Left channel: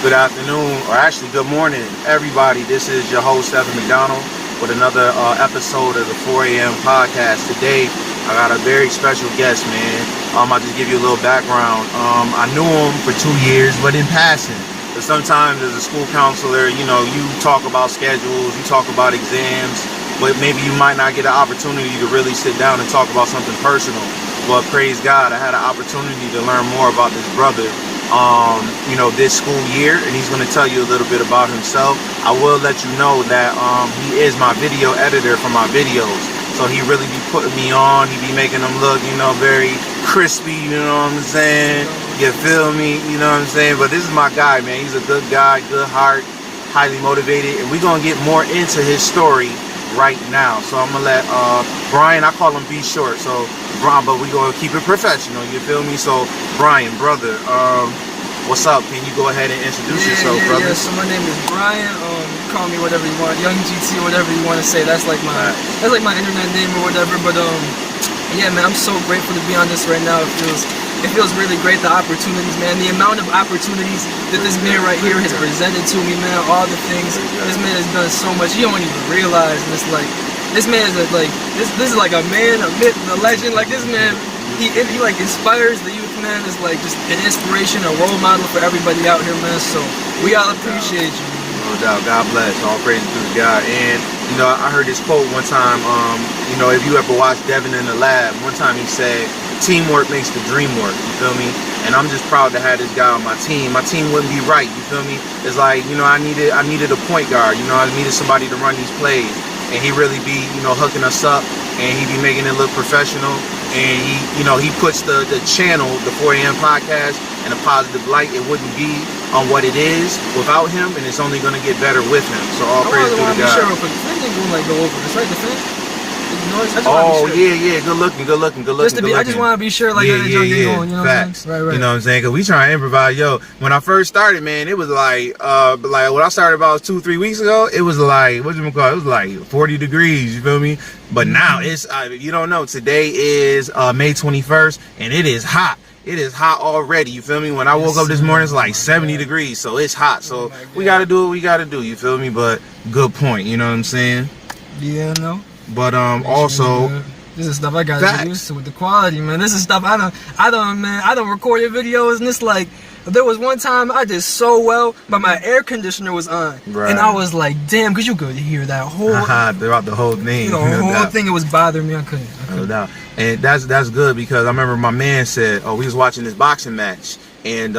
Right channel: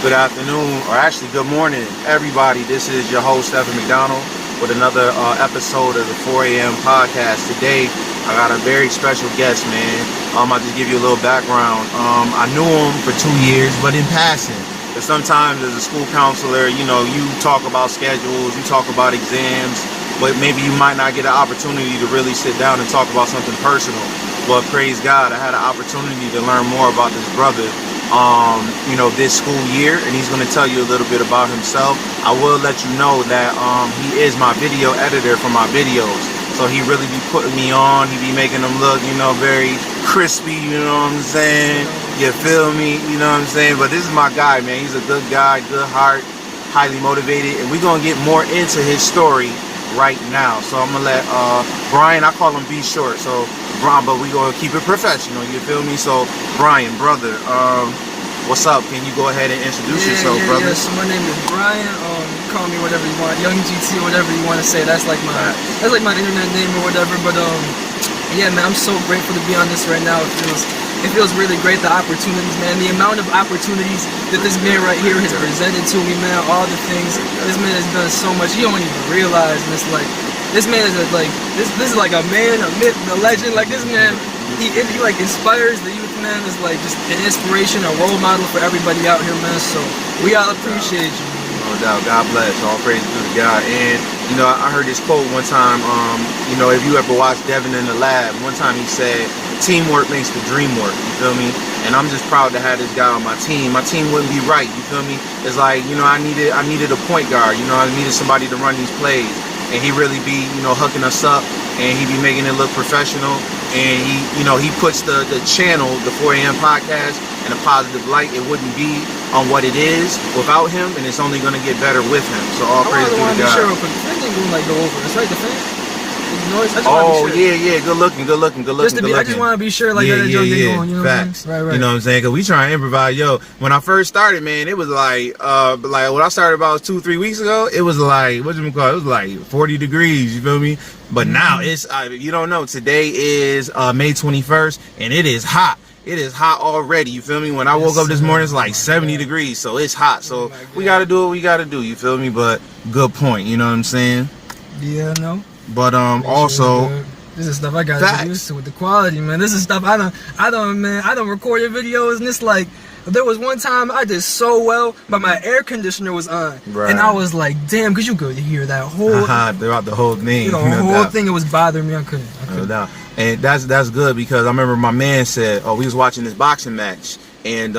Good afternoon, or actually good morning, everybody. This is your host, Evan McDonald, with another episode of the 4 a.m. podcast. Today, I got a very special guest, man. I'll just give you a little background. I knew him for 2 years, but in passing. But sometimes as a school counselor, you talk about schedules, you talk about exams, but maybe you might not get an opportunity to really sit down and talk about something personal. But praise God, I had an opportunity to learn more about this brother, this school year, and he's going to tell you a little bit about himself. I will let you know that he is my video editor for my videos. So he really be putting me on. He be making them look, very crispy, you know what I'm saying? You feel me? You know what I'm saying? But this is my guy, man. He's a good guy, good heart, highly motivated. And we're going to get more into his story right now. So I'm going to let Brian, I call him B Short. So Brian, but we're going to keep it professional. You feel me? So Brian, brother, what's up? Can you go ahead and introduce yourself, brother? Yeah. So my name is Brian. Call me whatever you want, YoungGT, whatever you want to say. That's like my internet name or whatever. But yeah, man, I'm so grateful to be on this right now. It feels really great. The opportunities, man, the amount of opportunities that this man right here has presented to me, man. All the things this man has done so much. You don't even realize. And it's like this man is like this is like a man, a myth, a legend. Like this man, he like inspires the youth, man. Is like just an inspiration, a role model for everybody out here, man. So we all appreciate you. No doubt. God bless. All praise to the God. And, I heard this quote one time, if you ever watched Devin in the Lab, one time he said, teamwork makes the dream work, you feel me? And I'm just proud to have this guy on my team. My team wouldn't be right, you feel me? It's like, I needed a point guard, I needed somebody to run these plays. And he really be, hooking us up, and he be making it look professional. And he puts the channel, the 4 a.m. podcast, in a positive light. It wouldn't be on what it is without him, and it's only going to get better with him. So all praise to the God. Oh yeah, good looking. I just want to be sure, going. Facts. Right. You know what I'm saying? Because we try to improvise. When I first started, man, it was like when I started about 2-3 weeks ago, it was like it was like 40 degrees. You feel me? But now it's you don't know. Today is May 21st, and it is hot. It is hot already, you feel me? When I woke up this morning, it's like 70 degrees, so it's hot. So we got to do what we got to do, you feel me? But good point, you know what I'm saying? Yeah, no. But also, this is stuff I got to get used to with the quality, man. This is stuff I don't record your videos, and it's like, there was one time I did so well, but my air conditioner was on, and I was like, damn, because you could hear that whole throughout the whole thing. The whole thing, it was bothering me. I couldn't. No doubt. And that's good, because I remember my man said, we was watching this boxing match, and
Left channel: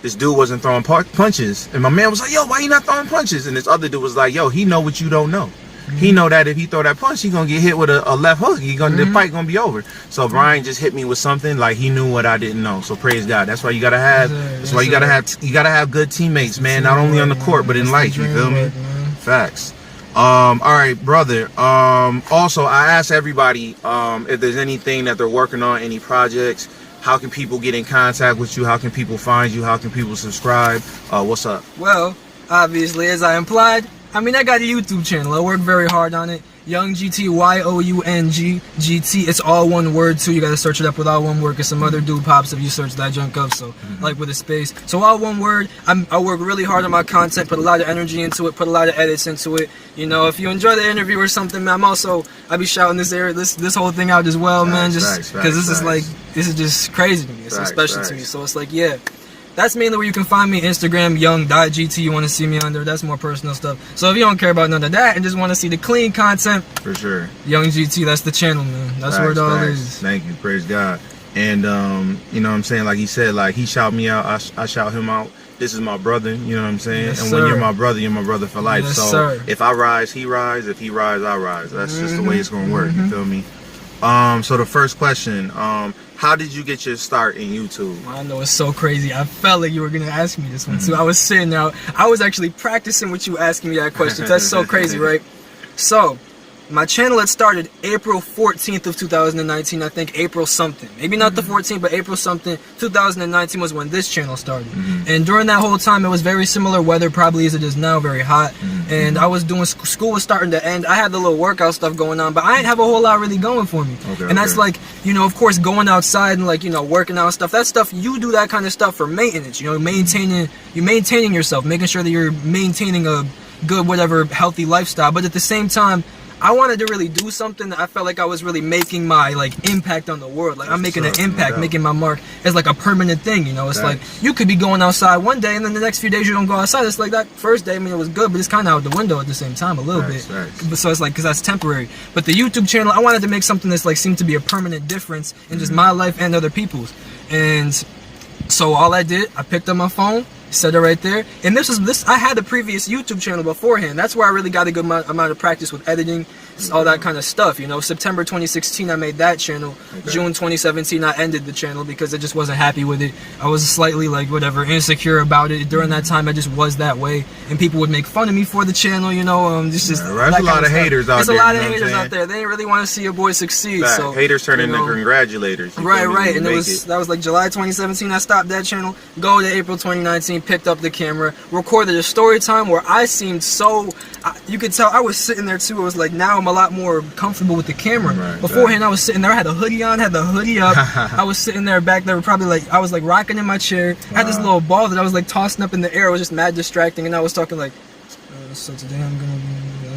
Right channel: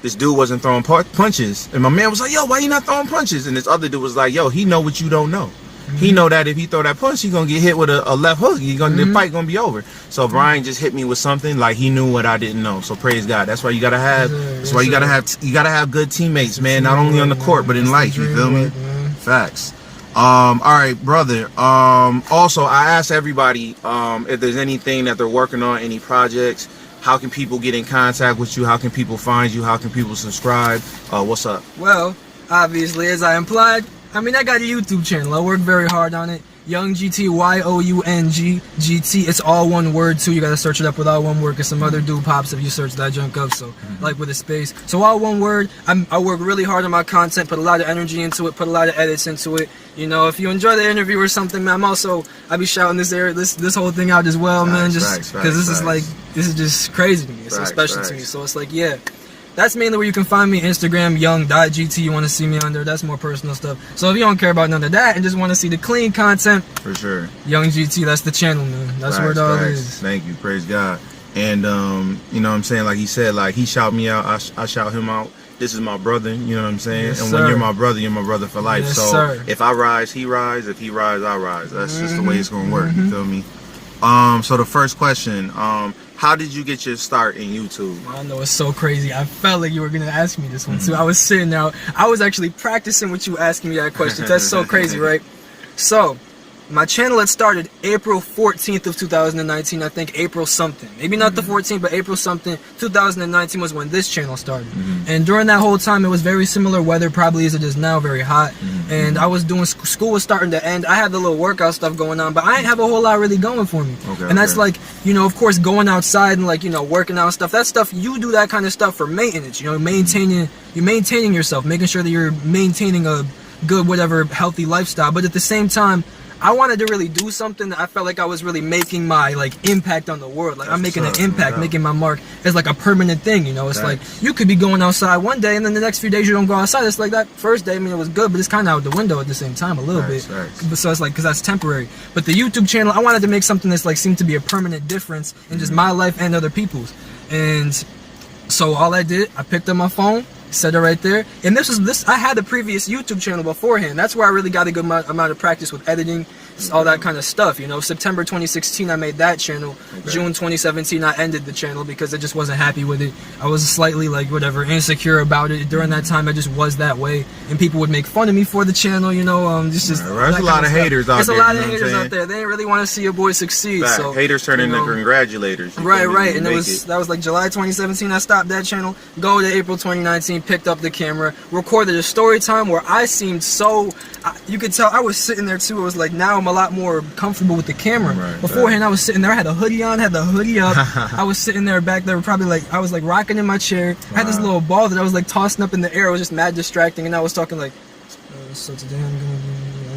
this dude wasn't throwing punches, and my man was like, yo, why you not throwing punches? And this other dude was like, yo, he know what you don't know. He know that if he throw that punch, he gonna get hit with a left hook. The fight gonna be over. So Brian just hit me with something like he knew what I didn't know. So praise God. That's why you gotta have. That's why you gotta have good teammates, man. Not only on the court, but in life. You feel me? Facts. All right, brother. Also, I asked everybody if there's anything that they're working on, any projects. How can people get in contact with you? How can people find you? How can people subscribe? What's up? Well, obviously, as I implied, I got a YouTube channel. I work very hard on it. YoungGT, YOUNG-GT. It's all one word too. You gotta search it up with all one word, because some other dude pops if you search that junk up. So like with a space. So all one word. I work really hard on my content, put a lot of energy into it, put a lot of edits into it. If you enjoy the interview or something, man, I'll be shouting this whole thing out as well, man. Just because this is just crazy to me. It's so special to me. So it's like, yeah. That's mainly where you can find me. Instagram, young.gt. You want to see me under. That's more personal stuff. So if you don't care about none of that and just want to see the clean content, for sure, YoungGT, that's the channel, man. That's where it all is. Thank you. Praise God. And you know what I'm saying? Like he said, like he shout me out, I shout him out. This is my brother, you know what I'm saying? Yes, and when you're my brother for life. Yes, so sir. If I rise, he rise. If he rise, I rise. That's just the way it's gonna work. You feel me? So the first question, how did you get your start in YouTube? I know, it's so crazy. I felt like you were going to ask me this one too. I was sitting there. I was actually practicing with you asking me that question. That's so crazy, right? So, my channel had started April 14th of 2019. I think April something. Maybe not the 14th, but April something. 2019 was when this channel started. And during that whole time, it was very similar weather probably as it is now, very hot. and I was doing school was starting to end. I had the little workout stuff going on, but I didn't have a whole lot really going for me. And that's like, you know, of course, going outside and like, you know, working out and stuff. That stuff, you do that kind of stuff for maintenance. You know, maintaining yourself, making sure that you're maintaining a good, whatever, healthy lifestyle. But at the same time, I wanted to really do something that I felt like I was really making my like impact on the world. Like I'm making an impact, making my mark as like a permanent thing, you know. It's like you could be going outside one day and then the next few days you don't go outside. It's like that first day, I mean, it was good, but it's kind of out the window at the same time a little bit. But so it's like, because that's temporary. But the YouTube channel, I wanted to make something that's like seemed to be a permanent difference in just my life and other people's. And so all I did, I picked up my phone, set it right there, and I had a previous YouTube channel beforehand. That's where I really got a good amount of practice with editing, all that kind of stuff, you know. September 2016 I made that channel. June 2017 I ended the channel because I just wasn't happy with it. I was slightly like whatever insecure about it. During that time I just was that way, and people would make fun of me for the channel, you know. There's a lot of haters out there. There's a lot of haters out there. They didn't really want to see a boy succeed. So haters turn into congratulators. Right. And that was like July 2017 I stopped that channel. Go to April 2019, picked up the camera, recorded a story time where I seemed so, you could tell I was sitting there too. It was like, now I'm a lot more comfortable with the camera. Beforehand I was sitting there, I had a hoodie on, had the hoodie up. I was sitting there back there, probably like, I was like rocking in my chair. I had this little ball that I was like tossing up in the air. It was just mad distracting, and I was talking like, so today I'm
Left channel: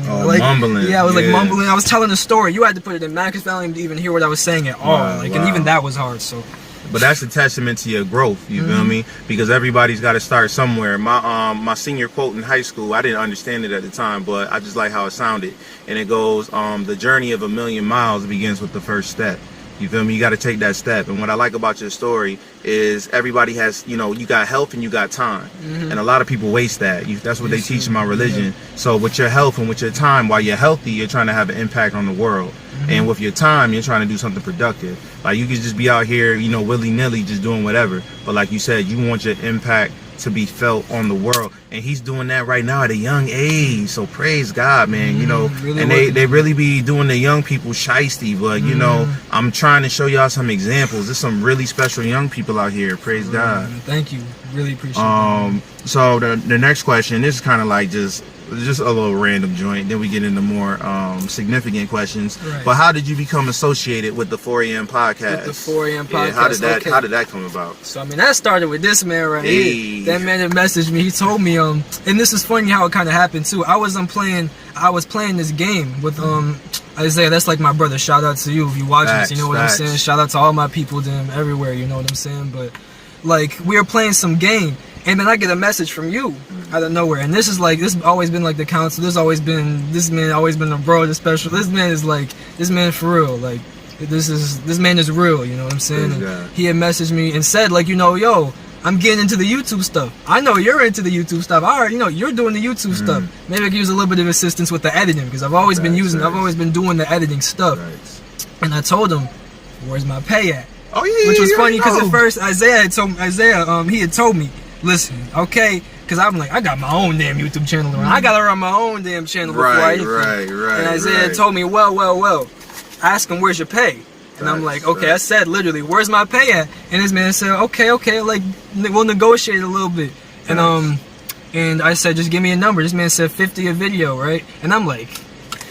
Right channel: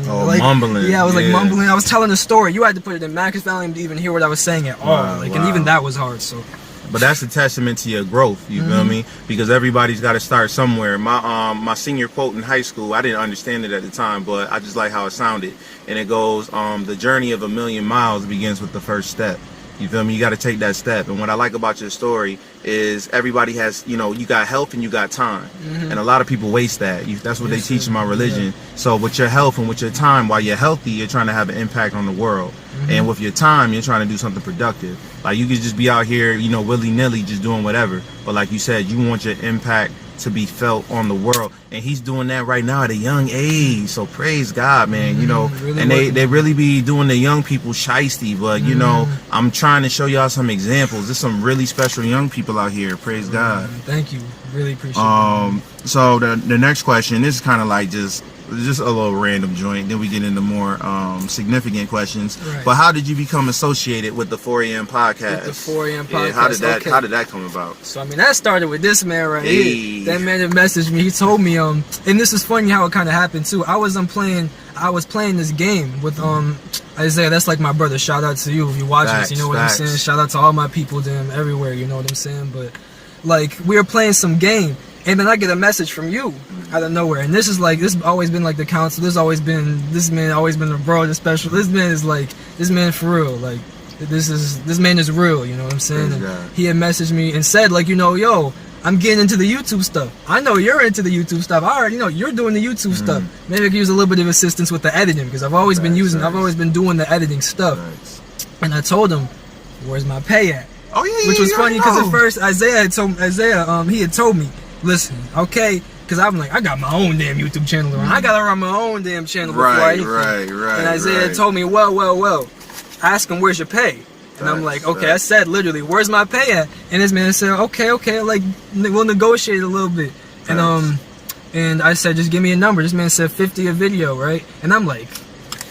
gonna be mumbling. Yeah, I was like mumbling. I was telling a story. You had to put it in man because I didn't even hear what I was saying at all. And even that was hard. So but that's a testament to your growth, you feel me? Because everybody's got to start somewhere. My senior quote in high school, I didn't understand it at the time, but I just like how it sounded. And it goes, the journey of 1,000,000 miles begins with the first step. You feel me? You got to take that step. And what I like about your story is everybody has, you know, you got health and you got time. And a lot of people waste that. That's what they teach in my religion. So with your health and with your time, while you're healthy, you're trying to have an impact on the world. And with your time, you're trying to do something productive. Like you could just be out here, you know, willy-nilly just doing whatever. But like you said, you want your impact to be felt on the world, and he's doing that right now at a young age. So praise God, man. You know, really, and they really be doing the young people shiesty, but you know, I'm trying to show y'all some examples. There's some really special young people out here. Praise God. Thank you, really appreciate it. So the next question, this is kind of like just a little random joint, then we get into more significant questions. But how did you become associated with the 4 a.m. podcast? With the 4 a.m. podcast. Yeah, how did that come about? So I mean, that started with this man right here. That man that messaged me, he told me and this is funny how it kind of happened too. I was playing this game with Isaiah. That's like my brother. Shout out to you if you watch this, you know what I'm saying. Shout out to all my people, them everywhere, you know what I'm saying. But like, we were playing some game, and then I get a message from you out of nowhere. And this has always been like the counsel. This man always been a bro, the special. This man for real. Like, this man is real, you know what I'm saying? And he had messaged me and said, like, you know, yo, I'm getting into the YouTube stuff. I know you're into the YouTube stuff. I already know you're doing the YouTube stuff. Maybe I could use a little bit of assistance with the editing, because I've always been doing the editing stuff. And I told him, where's my pay at? Oh yeah, which was funny because at first Isaiah he had told me, listen, okay, because I'm like, I got my own damn YouTube channel. I gotta run my own damn channel before I eat. And Isaiah told me, well, ask him where's your pay. And I'm like, okay, I said literally, where's my pay at? And this man said, okay, like we'll negotiate a little bit. And I said, just give me a number. This man said 50 a video, right? And I'm like,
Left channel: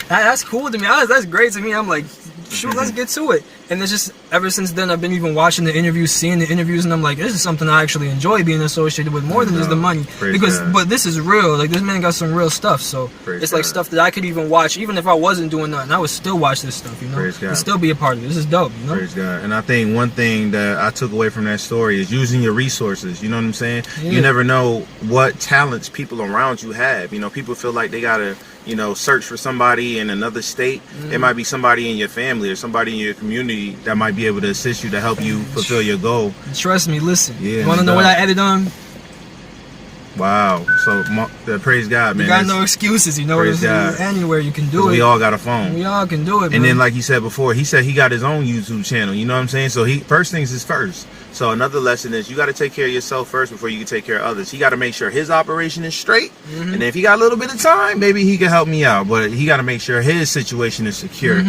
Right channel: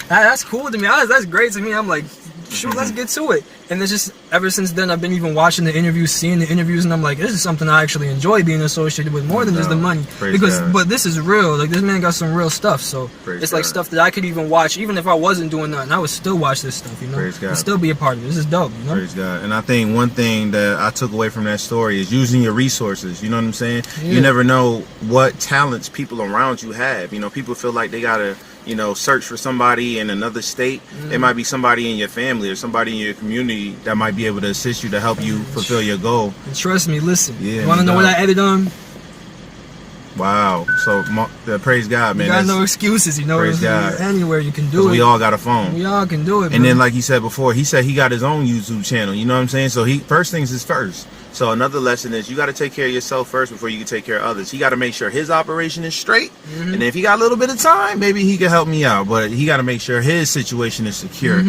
that's cool to me. That's great to me. I'm like, shoot, let's get to it. And it's just, ever since then, I've been even watching the interviews, seeing the interviews, and I'm like, this is something I actually enjoy being associated with more than just the money. But this is real. Like, this man got some real stuff. So it's like stuff that I could even watch, even if I wasn't doing nothing. I would still watch this stuff, you know? And still be a part of it. This is dope, you know? Praise God. And I think one thing that I took away from that story is using your resources. You know what I'm saying? You never know what talents people around you have. You know, people feel like they gotta, you know, search for somebody in another state. It might be somebody in your family or somebody in your community that might be able to assist you to help you fulfill your goal. And trust me, listen. You want to know what I edit on? Wow. So praise God, man. You got no excuses, you know. Praise God. Anywhere you can do it. We all got a phone. We all can do it. And then, like you said before, he said he got his own YouTube channel. You know what I'm saying? So first things is first. So another lesson is you got to take care of yourself first before you can take care of others. He got to make sure his operation is straight. And then if he got a little bit of time, maybe he can help me out. But he got to make sure his situation is secure.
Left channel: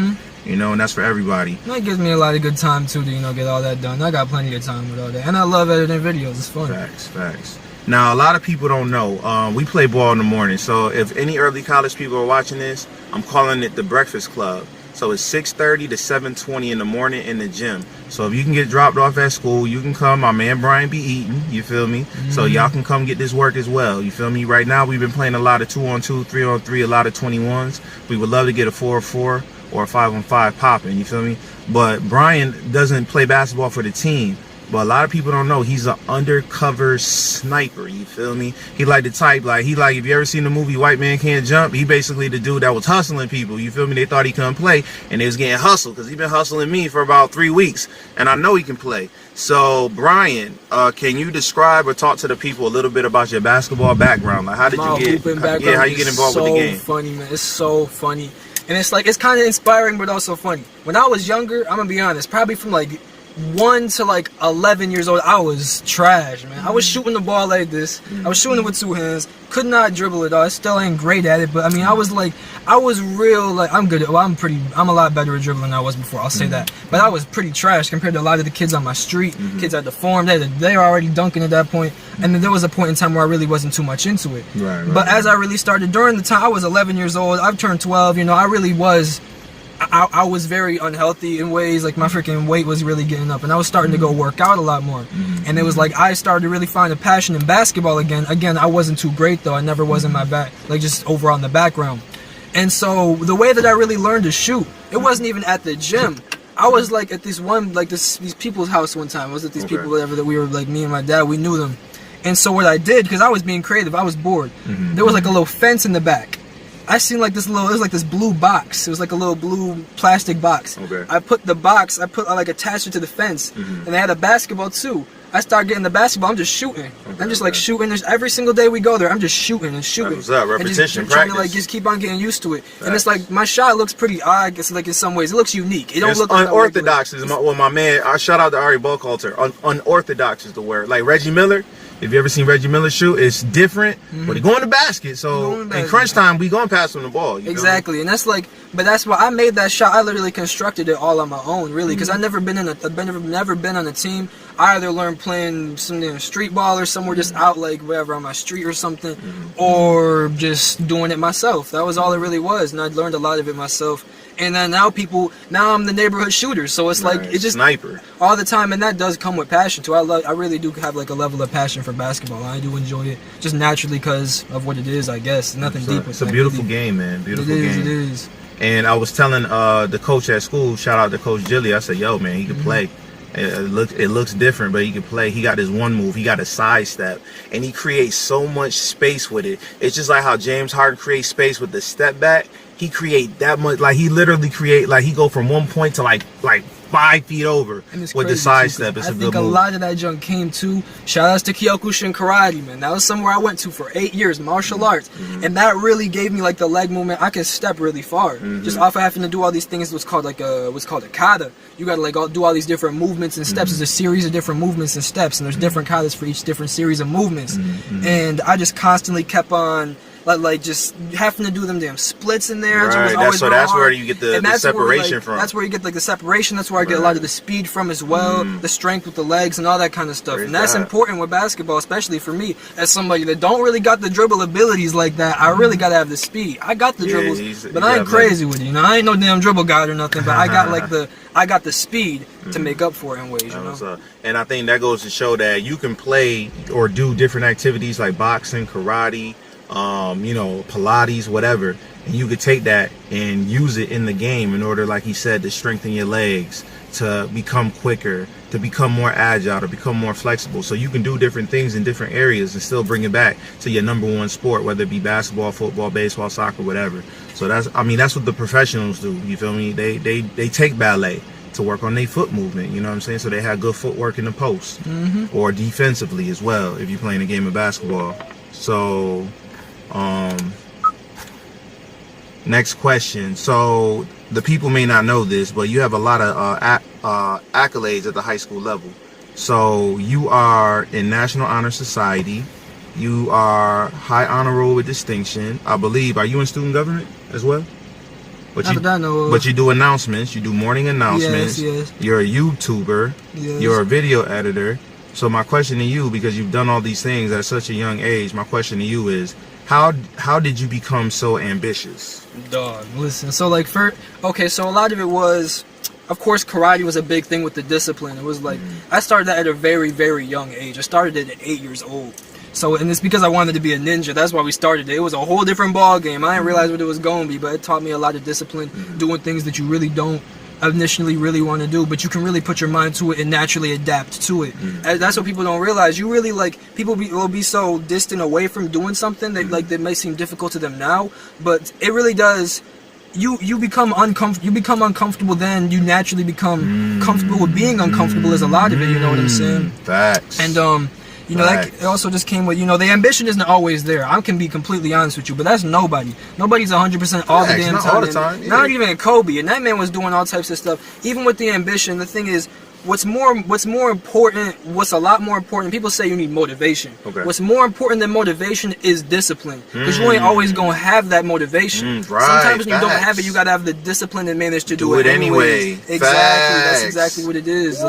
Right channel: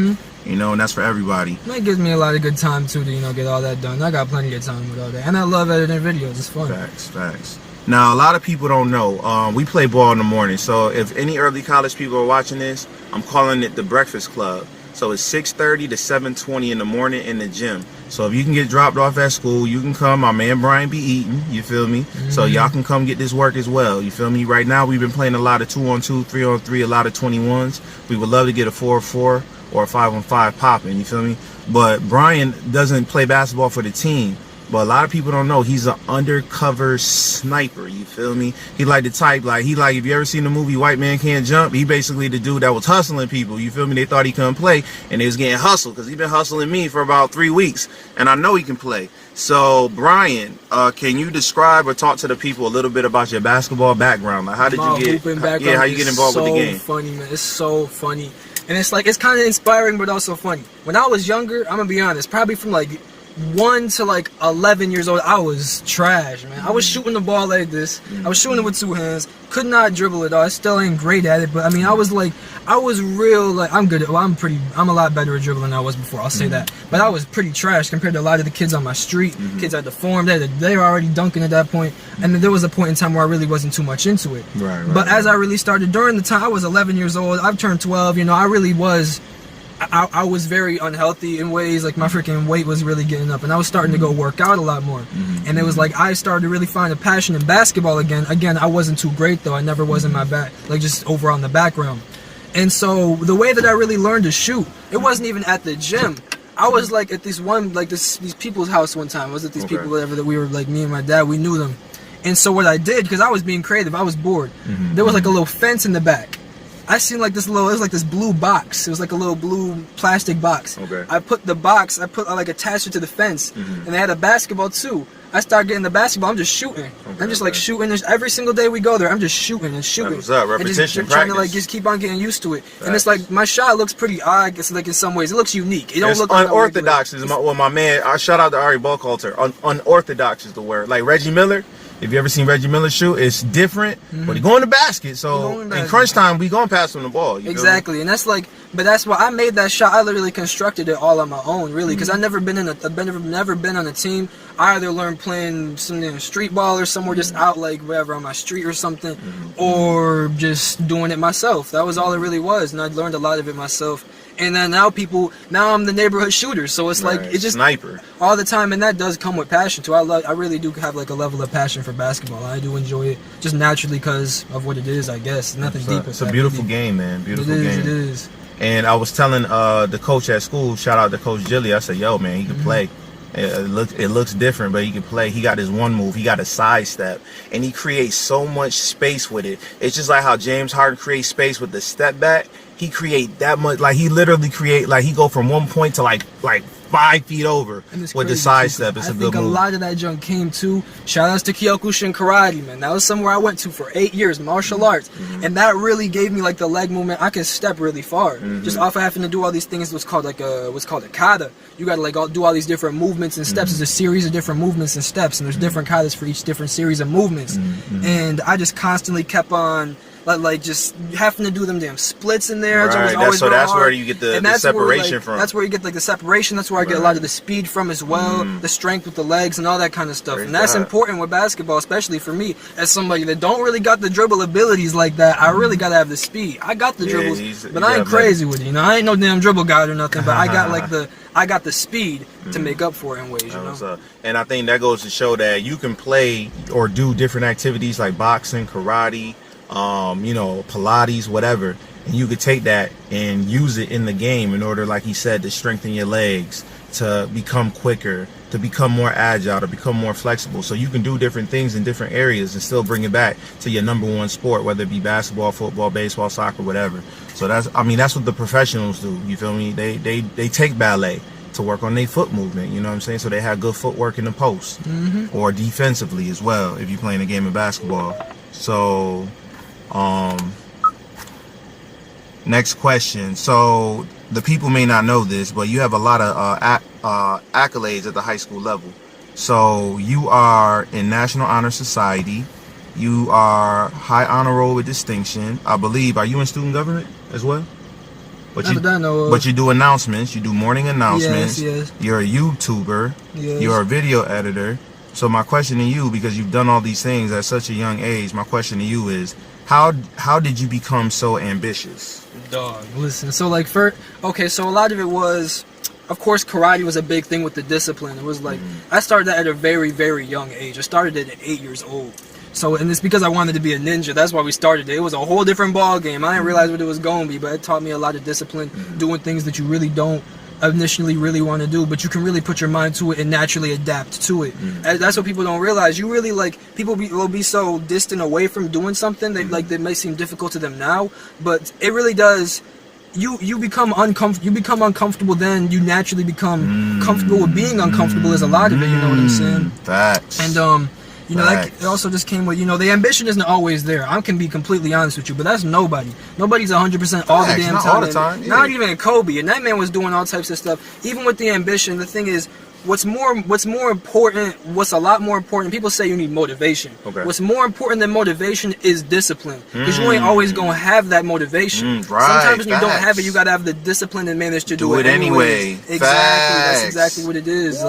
You know, and that's for everybody. That gives me a lot of good time too to, you know, get all that done. I got plenty of time with all that. And I love editing videos. It's fun. Facts. Now, a lot of people don't know. We play ball in the morning. So if any early college people are watching this, I'm calling it the Breakfast Club. So it's 6:30 to 7:20 in the morning in the gym. So if you can get dropped off at school, you can come. My man Brian be eating. You feel me? So y'all can come get this work as well. You feel me? Right now, we've been playing a lot of 2-on-2, 3-on-3, a lot of 21s. We would love to get a 4-on-4 or a 5-on-5 popping. You feel me? But Brian doesn't play basketball for the team. But a lot of people don't know he's an undercover sniper. You feel me? He like the type, like, if you ever seen the movie White Man Can't Jump, he basically the dude that was hustling people. You feel me? They thought he couldn't play, and they was getting hustled because he been hustling me for about 3 weeks, and I know he can play. So, Brian, can you describe or talk to the people a little bit about your basketball background? Like, how did you get? How you get involved with the game? So funny, man. It's so funny, and it's like it's kind of inspiring, but also funny. When I was younger, I'm gonna be honest, probably from like 1 to like 11 years old, I was trash, man. I was shooting the ball like this. I was shooting it with 2 hands. Could not dribble it all. I still ain't great at it, but I mean, I was real, like, I'm good. Well, I'm a lot better at dribbling than I was before. I'll say that. But I was pretty trash compared to a lot of the kids on my street, kids at the farm. They were already dunking at that point. And then there was a point in time where I really wasn't too much into it. But as I really started during the time, I was 11 years old. I've turned 12. You know, I really was. I was very unhealthy in ways, like my freaking weight was really getting up, and I was starting to go work out a lot more. And it was like I started to really find a passion in basketball again. Again, I wasn't too great though. I never was in my back, like just overall in the background. And so the way that I really learned to shoot, it wasn't even at the gym. I was like at these people's house one time. I was at these people, whatever, that we were like, me and my dad, we knew them. And so what I did, because I was being creative, I was bored. There was like a little fence in the back. I seen like this little, it was like this blue box. It was like a little blue plastic box. I put the box, I like attached it to the fence, and they had a basketball too. I started getting the basketball. I'm just shooting. I'm just like shooting. Every single day we go there, I'm just shooting and shooting. What's up? Repetition, trying to like just keep on getting used to it. And it's like my shot looks pretty odd. It's like in some ways it looks unique. It don't look unorthodox. Is my man. I shout out to Ari Buckhalter. Unorthodox is the word. Like Reggie Miller. If you ever seen Reggie Miller shoot, it's different, but he go in the basket. So in crunch time, we gonna pass him the ball. Exactly, and that's like, but that's why I made that shot. I literally constructed it all on my own, really, because I've never been on a team. I either learned playing some street ball or somewhere just out like whatever on my street or something, or just doing it myself. That was all it really was, and I learned a lot of it myself. And then now I'm the neighborhood shooter, so it's like it's just sniper all the time, and that does come with passion too. I really do have like a level of passion for basketball. I do enjoy it just naturally because of what it is, I guess. Nothing deep. It's a beautiful game, man. Beautiful game. It is. And I was telling the coach at school, shout out to Coach Gilly. I said, "Yo, man, he can play. It looks different, but he can play. He got his one move. He got a side step, and he creates so much space with it. It's just like how James Harden creates space with the step back. He create that much, like he literally create, like he go from 1 point to like 5 feet over with the side step. It's a good move. I think a lot of that junk came too. Shout outs to Kyokushin Karate, man. That was somewhere I went to for 8 years, martial arts, and that really gave me like the leg movement. I can step really far just off of having to do all these things. What's called a kata. You gotta like do all these different movements and steps. There's a series of different movements and steps, and there's different katas for each different series of movements. And I just constantly kept on. Like just having to do them damn splits in there. Right. That's where you get the separation from. That's where you get like the separation. That's where I get a lot of the speed from as well. The strength with the legs and all that kind of stuff. And that's important with basketball, especially for me as somebody that don't really got the dribble abilities like that. I really gotta have the speed. I got the dribbles, but I ain't crazy with it. You know, I ain't no damn dribble guy or nothing. But I got the speed to make up for it in ways. You know. And I think that goes to show that you can play or do different activities like boxing, karate. Pilates, whatever, and you could take that and use it in the game in order, like he said, to strengthen your legs, to become quicker, to become more agile, to become more flexible. So you can do different things in different areas and still bring it back to your number one sport, whether it be basketball, football, baseball, soccer, whatever. So that's what the professionals do. You feel me? They take ballet to work on their foot movement, you know what I'm saying? So they have good footwork in the post or defensively as well if you're playing a game of basketball. So next question. So the people may not know this, but you have a lot of accolades at the high school level. So you are in National Honor Society. You are high honor roll with distinction. I believe. Are you in student government as well? But you do announcements. You do morning announcements. Yes. You're a YouTuber. Yes. You're a video editor. So my question to you, because you've done all these things at such a young age, my question to you is, how did you become so ambitious? Dog, listen. So like so a lot of it was, of course, karate was a big thing with the discipline. It was like I started that at a very, very young age. I started it at 8 years old. So, and it's because I wanted to be a ninja. That's why we started it. It was a whole different ball game. I didn't realize what it was going to be, but it taught me a lot of discipline, doing things that you really don't initially really want to do, but you can really put your mind to it and naturally adapt to it. And that's what people don't realize. You really people will be so distant away from doing something that may seem difficult to them now, but it really does. You become uncomfortable. You become uncomfortable, then you naturally become comfortable with being uncomfortable. Is a lot of it. You know what I'm saying? Facts. And that it also just came with, the ambition isn't always there. I can be completely honest with you, but that's nobody. Nobody's 100% all the damn time. Not all the time. Yeah. Not even Kobe, and that man was doing all types of stuff. Even with the ambition, the thing is, what's more important, what's a lot more important, people say you need motivation. Okay. What's more important than motivation is discipline. Because you ain't always going to have that motivation. Right, sometimes when you don't have it, you got to have the discipline and manage to do it anyway. Exactly. Facts. That's exactly what it is.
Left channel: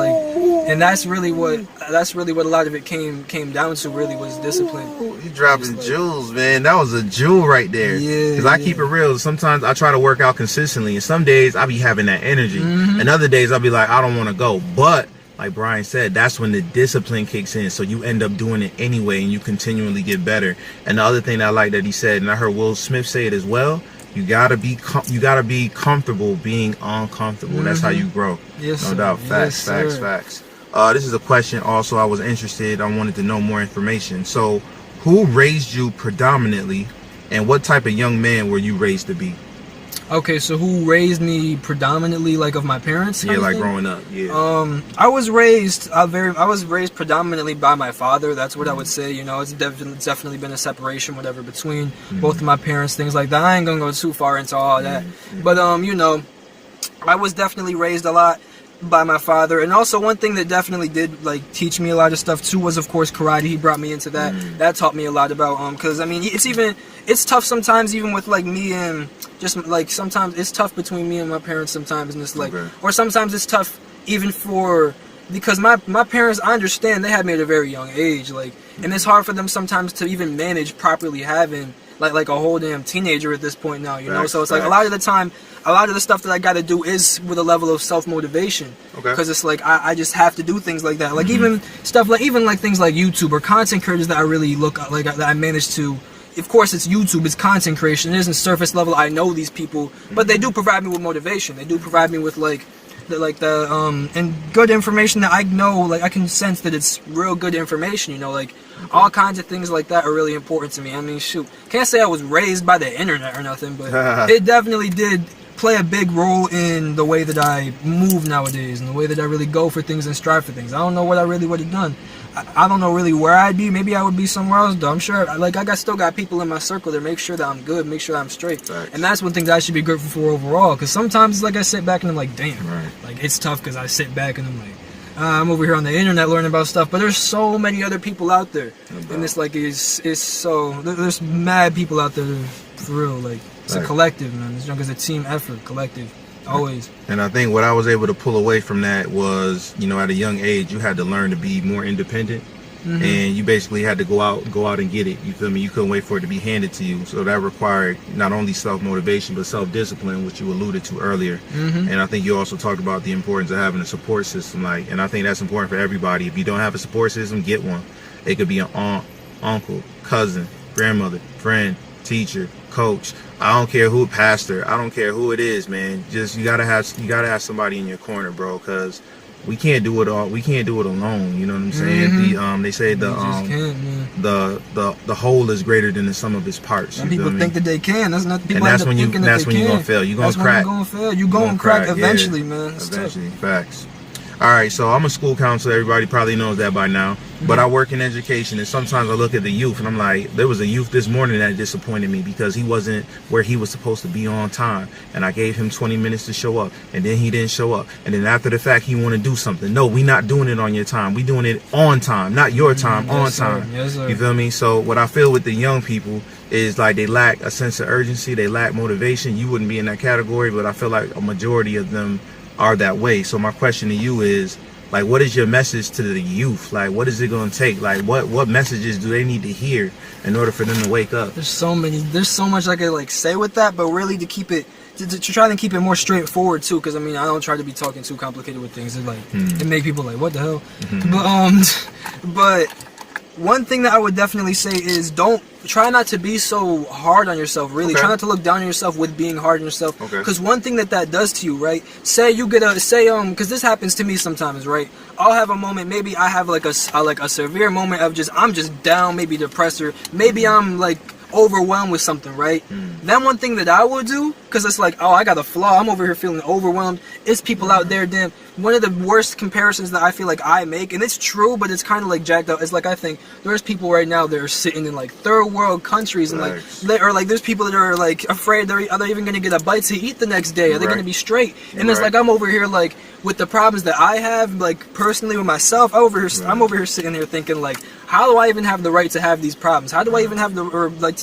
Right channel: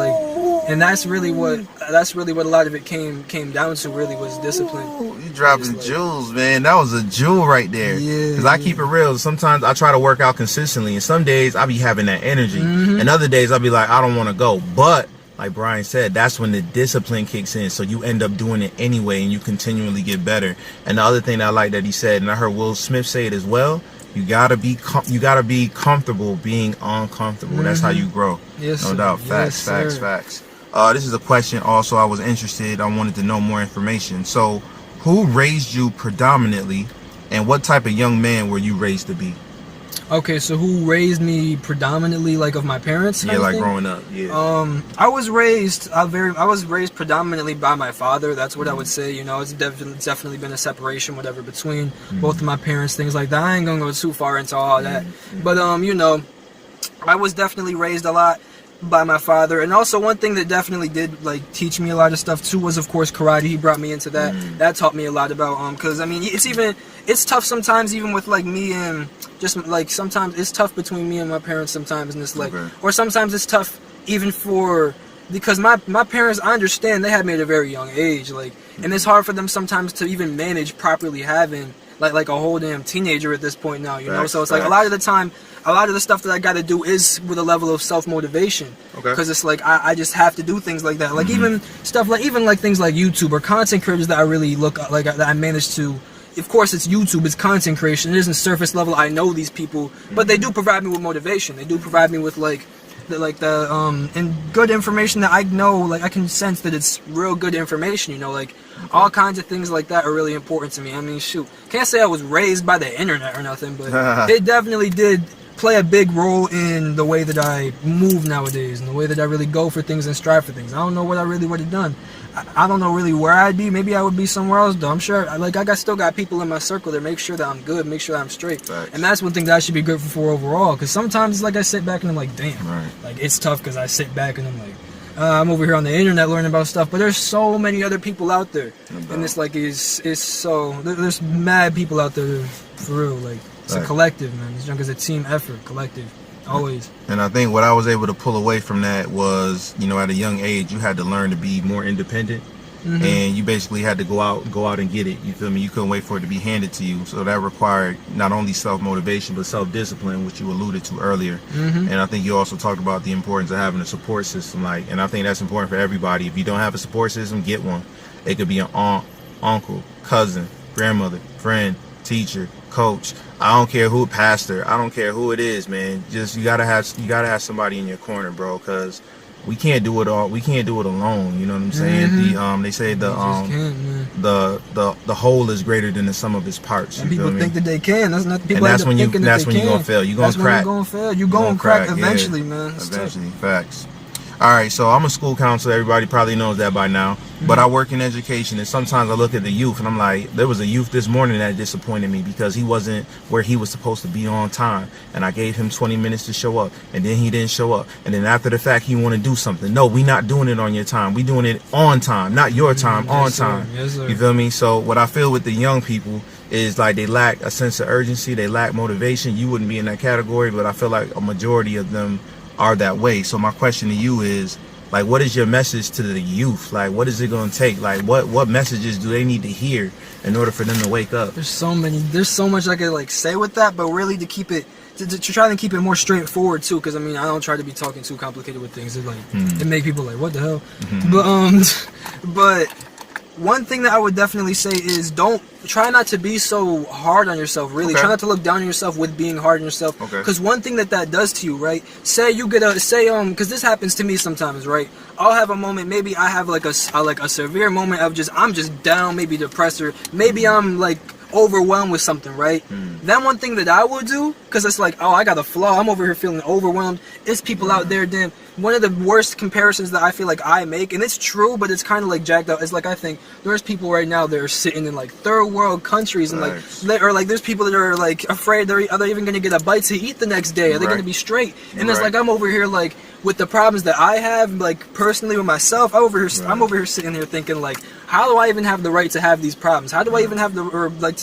And that's really what a lot of it came down to, really, was discipline. You dropping jewels, man. That was a jewel right there. Yeah. Because I keep it real. Sometimes I try to work out consistently, and some days I be having that energy. And other days I'll be like, I don't want to go. But like Brian said, that's when the discipline kicks in. So you end up doing it anyway, and you continually get better. And the other thing that I like that he said, and I heard Will Smith say it as well, you gotta be comfortable being uncomfortable. That's how you grow. Yes, no sir. doubt. Facts. Yes, Facts. This is a question also I was interested. I wanted to know more information. So who raised you predominantly, and what type of young man were you raised to be? Okay, so who raised me predominantly, like of my parents? Yeah, like growing up. Yeah. I was raised predominantly by my father. That's what I would say. It's definitely been a separation, whatever, between both of my parents, things like that. I ain't gonna go too far into all that, but I was definitely raised a lot by my father. And also one thing that definitely did teach me a lot of stuff too was, of course, karate. He brought me into that. That taught me a lot about because it's tough sometimes, even with me, and just sometimes it's tough between me and my parents sometimes, and it's or sometimes it's tough even because my parents, I understand, they had me at a very young age, and it's hard for them sometimes to even manage properly having like a whole damn teenager at this point now, so it's a lot of the time, a lot of the stuff that I got to do is with a level of self-motivation, because it's I just have to do things like that, even stuff even things like YouTube or content creators that I really look that I managed to. Of course, it's YouTube, it's content creation, it isn't surface level. I know these people, but they do provide me with motivation. They do provide me with and good information that I know, I can sense that it's real good information, all kinds of things like that are really important to me. I mean, shoot, can't say I was raised by the internet or nothing, but it definitely did play a big role in the way that I move nowadays, and the way that I really go for things and strive for things. I don't know what I really would have done. I don't know really where I'd be. Maybe I would be somewhere else, though. I'm sure, I still got people in my circle that make sure that I'm good, make sure that I'm straight. Right. And that's one thing that I should be grateful for overall, because sometimes I sit back and I'm like, damn. Right. It's tough because I sit back and I'm like, I'm over here on the internet learning about stuff, but there's so many other people out there. And it's there's mad people out there for real. It's a collective, man. It's a team effort, collective. Always. And I think what I was able to pull away from that was, at a young age, you had to learn to be more independent, and you basically had to go out and get it. You feel me? You couldn't wait for it to be handed to you. So that required not only self-motivation, but self-discipline, which you alluded to earlier. And I think you also talked about the importance of having a support system. And I think that's important for everybody. If you don't have a support system, get one. It could be an aunt, uncle, cousin, grandmother, friend, teacher, coach. I don't care who, pastor. I don't care who it is, man. Just you gotta have somebody in your corner, bro, because we can't do it all. We can't do it alone. You know what I'm saying? They say the whole is greater than the sum of its parts. Some people think that they can. That's not people. And that's when you're gonna fail. You're gonna crack. You're gonna fail. You're gonna crack eventually, man. Eventually, facts. All right, so I'm a school counselor. Everybody probably knows that by now. But I work in education, and sometimes I look at the youth, and I'm like, there was a youth this morning that disappointed me because he wasn't where he was supposed to be on time. And I gave him 20 minutes to show up, and then he didn't show up. And then after the fact, he want to do something. No, we not doing it on your time. We doing it on time, not your time, on time. Yes, sir. You feel me? So what I feel with the young people is they lack a sense of urgency. They lack motivation. You wouldn't be in that category, but I feel like a majority of them are that way. So my question to you is, Like, what is your message to the youth? Like, what is it going to take? Like, what messages do they need to hear in order for them to wake up? There's so much I could like say with that, but really to keep it, to try and keep it more straightforward too, because I mean, I don't try to be talking too complicated with things. It like it make people like, what the hell? But one thing that I would definitely say is try not to be so hard on yourself, really. Okay. Try not to look down on yourself with being hard on yourself. Okay. Because one thing that does to you, right? Say you get because this happens to me sometimes, right? I'll have a moment, maybe I have like a severe moment of I'm just down, maybe depressed, or maybe I'm like overwhelmed with something, right? Then one thing that I will do, because it's like, oh, I got a flaw, I'm over here feeling overwhelmed. It's people out there, damn. One of the worst comparisons that I feel like I make, and it's true, but it's kind of like jacked up. It's like, I think there's people right now that are sitting in like third world countries, and like there's people that are like afraid are they even going to get a bite to eat the next day? Are they going to be straight? And it's like I'm over here like with the problems that I have, like personally with myself. I'm over here sitting here thinking like, how do I even have the right to have these problems? How do I even have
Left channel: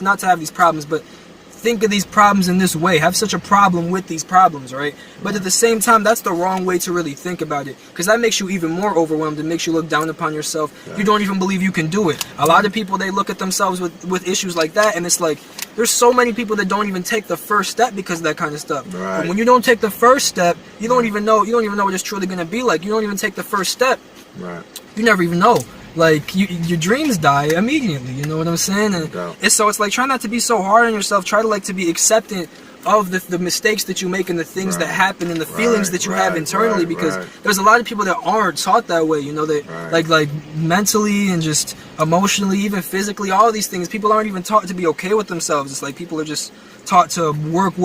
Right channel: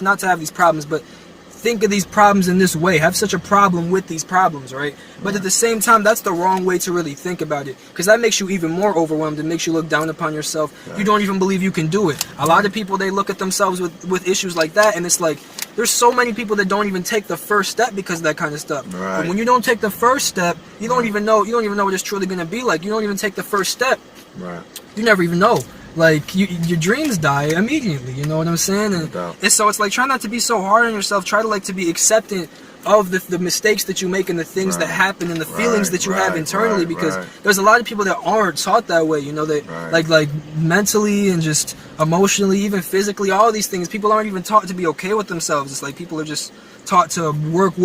not to have these problems, but think of these problems in this way, have such a problem with these problems, right? But at the same time, that's the wrong way to really think about it, because that makes you even more overwhelmed and makes you look down upon yourself. You don't even believe you can do it. A lot of people, they look at themselves with issues like that, and it's like, there's so many people that don't even take the first step because of that kind of stuff. But when you don't take the first step, you don't even know what it's truly going to be like. You don't even take the first step. You never even know. Like, your dreams die immediately, you know what I'm saying? And so it's like, try not to be so hard on yourself. Try to like to be accepting of the mistakes that you make and the things that happen and the feelings that you have internally, because there's a lot of people that aren't taught that way, you know, that like mentally and just emotionally, even physically, all of these things, people aren't even taught to be okay with themselves. It's like people are just taught to work,